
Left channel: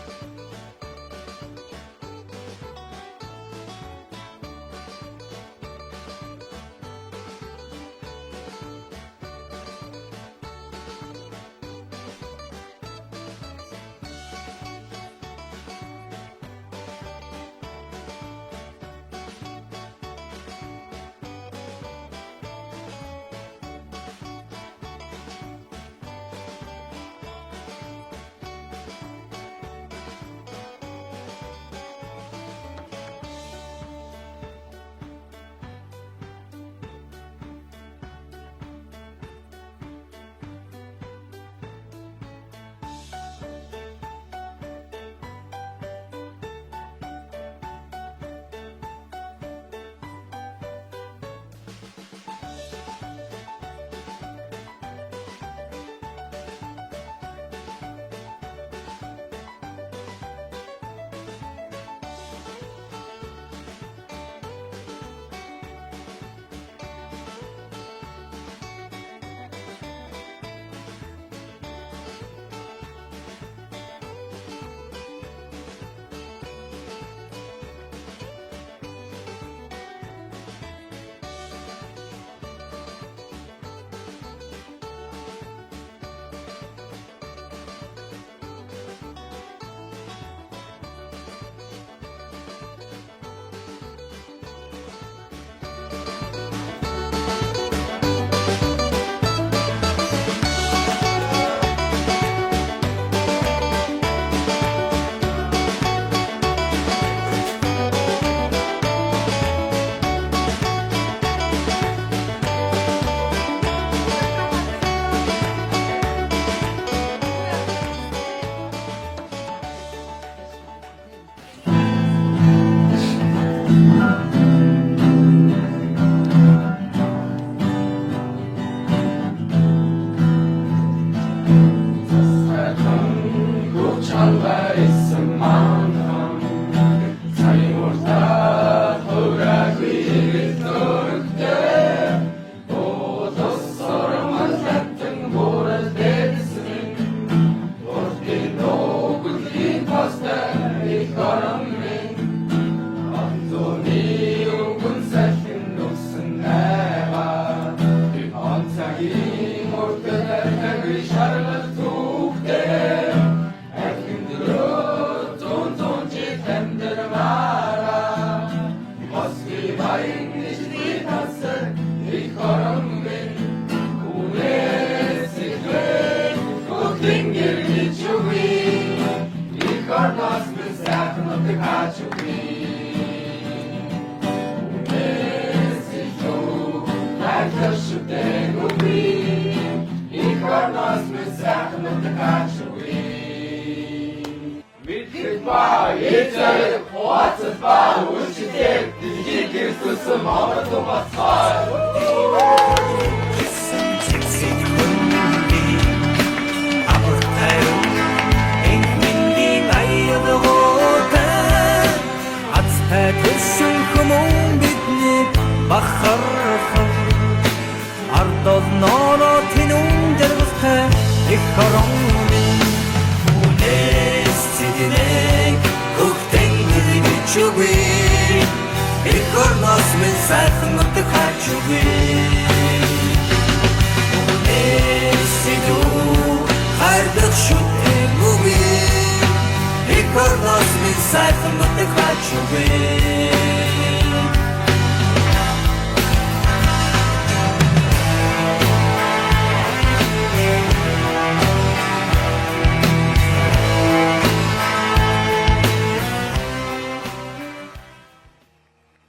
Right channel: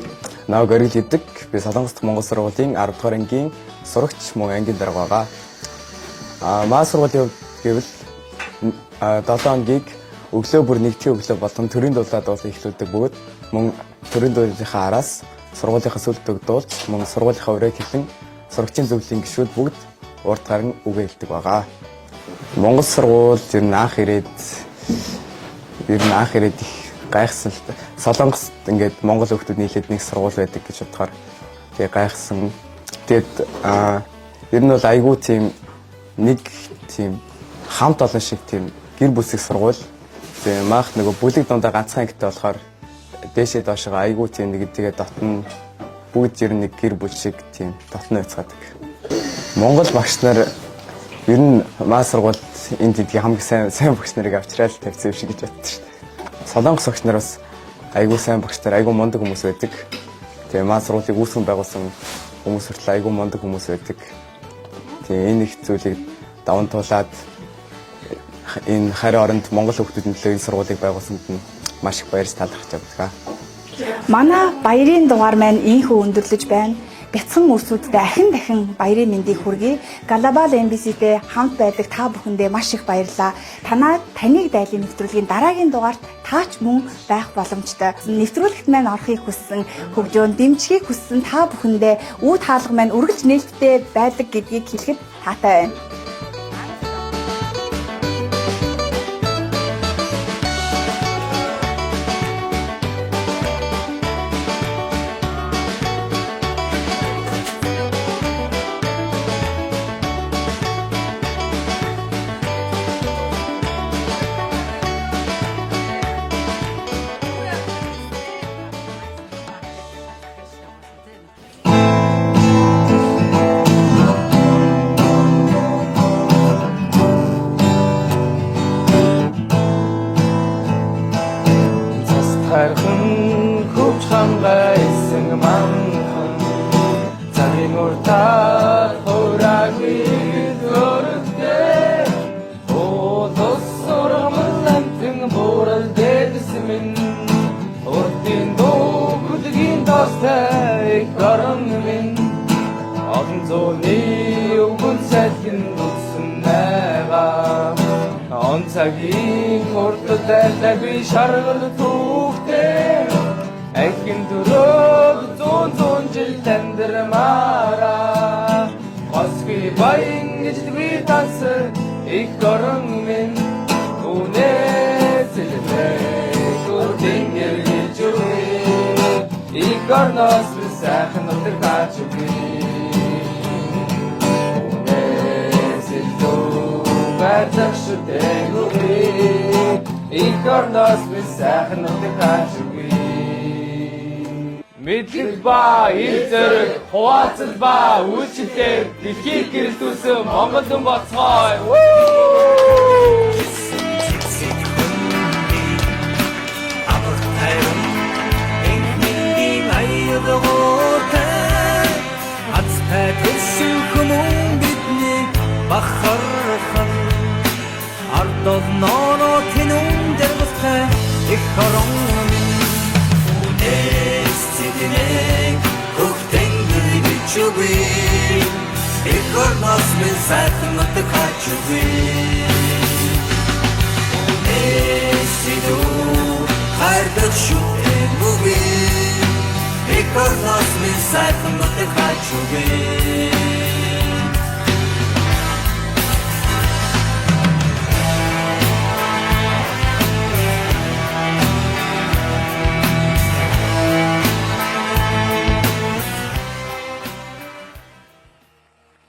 Наа горил гэдэг би Солонгост Монгол сургуулийн 10 дугаар ангийн сурагч мөн ангийн дарга байгаа. Маа сургуулийн гэвэл 7 ангийг өглөө бүр нэгдлийн өглөө болон төрийн дуулаад эхлүүлдэг бөгөөд мөн төрийн дуулынхаа араас сургуулийнхаа сүлд өгдүүлж мөн сургуулийнхаа өрөө хэлэн сурагчийн зөвлөлийн гишүүд бүгд урд гарan үгээ хэлдэг байгаа. Монгол сургууль ер нь анх ирээд их гайхсан. Солонгост ингээд монгол хүүхдүүд нийлээд нэг сургууль байдаг гэж бодохоор тэгээ гайхсан. Тэгээд ер нь бол айгүй тийм нэг тийм хамт олон шиг тийм гэр бүлсэг сургууль. Тэгээ маах нөгөө бүлэг дундаа ганцхан ангитай болохоор дээшээ доошоо айгүй тийм нэг тэгээ дотн бүгд ер нь нэг гэр бүл шиг тийм дотн байцгаадаг. Монгол багш нар ер нь маа сургуульд энд гэдгийг хамгийн сайн багш нарыг авчраад тавьсан юм шиг гэж боддог шүү дээ. Солонгос багш нар бас айгүй сайн багш нар айгүй мундаг хүмүүс байдаг. Тэгээ маа сургуулийг үүсгэн байгуулсан хүмүүс хүртэл айгүй мундаг хүмүүс байдаг. Тэгээ энэ их зүйлийг даван туулаад энэ харин оронд Монгол хүүхдүүдийн төлөө энэ сургуулийг байгуулсанд нь маш их баярс талархаж байна. Манай баярын дугаар маань ийхүү өндөрлөж байна. Бяцхан үсүүдтэй дахин баярын мэндийг хүргэе. Global MBC-тэй хамт байдаг та бүхэндээ маш их баярлалаа. Таныг дайлын нэвтрүүлгийн дараагийн дугаарт таач мөн байх боломжтой. Нэвтрүүлэгт маань орохыг хүссэн, хөгжөөн дэмжихийг хүссэн та бүхэндээ үе хаалга маань үргэлж нээлттэй байдаг гэдгийг хэлэхэд таатай байна. орноос би сайхан нутаг хааж үгүй. Үнээс илүү байлах шүтэггүй. Их орноос би сайхан нутаг хааж үгүй. Мэдлэг ба эзэр хуваацал ба үйлчлэл дэлхийг гэрэлтүүлсэн Монгол хүн болцгоо. Азтай төлсөн хүмүүн биднийг бахархан ардол норо тэнүүн дэргэстэй их орон минь үнээс цэднэг хөхтэнгэр бичүгүй их орноос минь сайхан нутаг хааж үгүй үнээс цэдүү хайрдах шүтэггүй их орноос минь сайхан нутаг хааж үгүй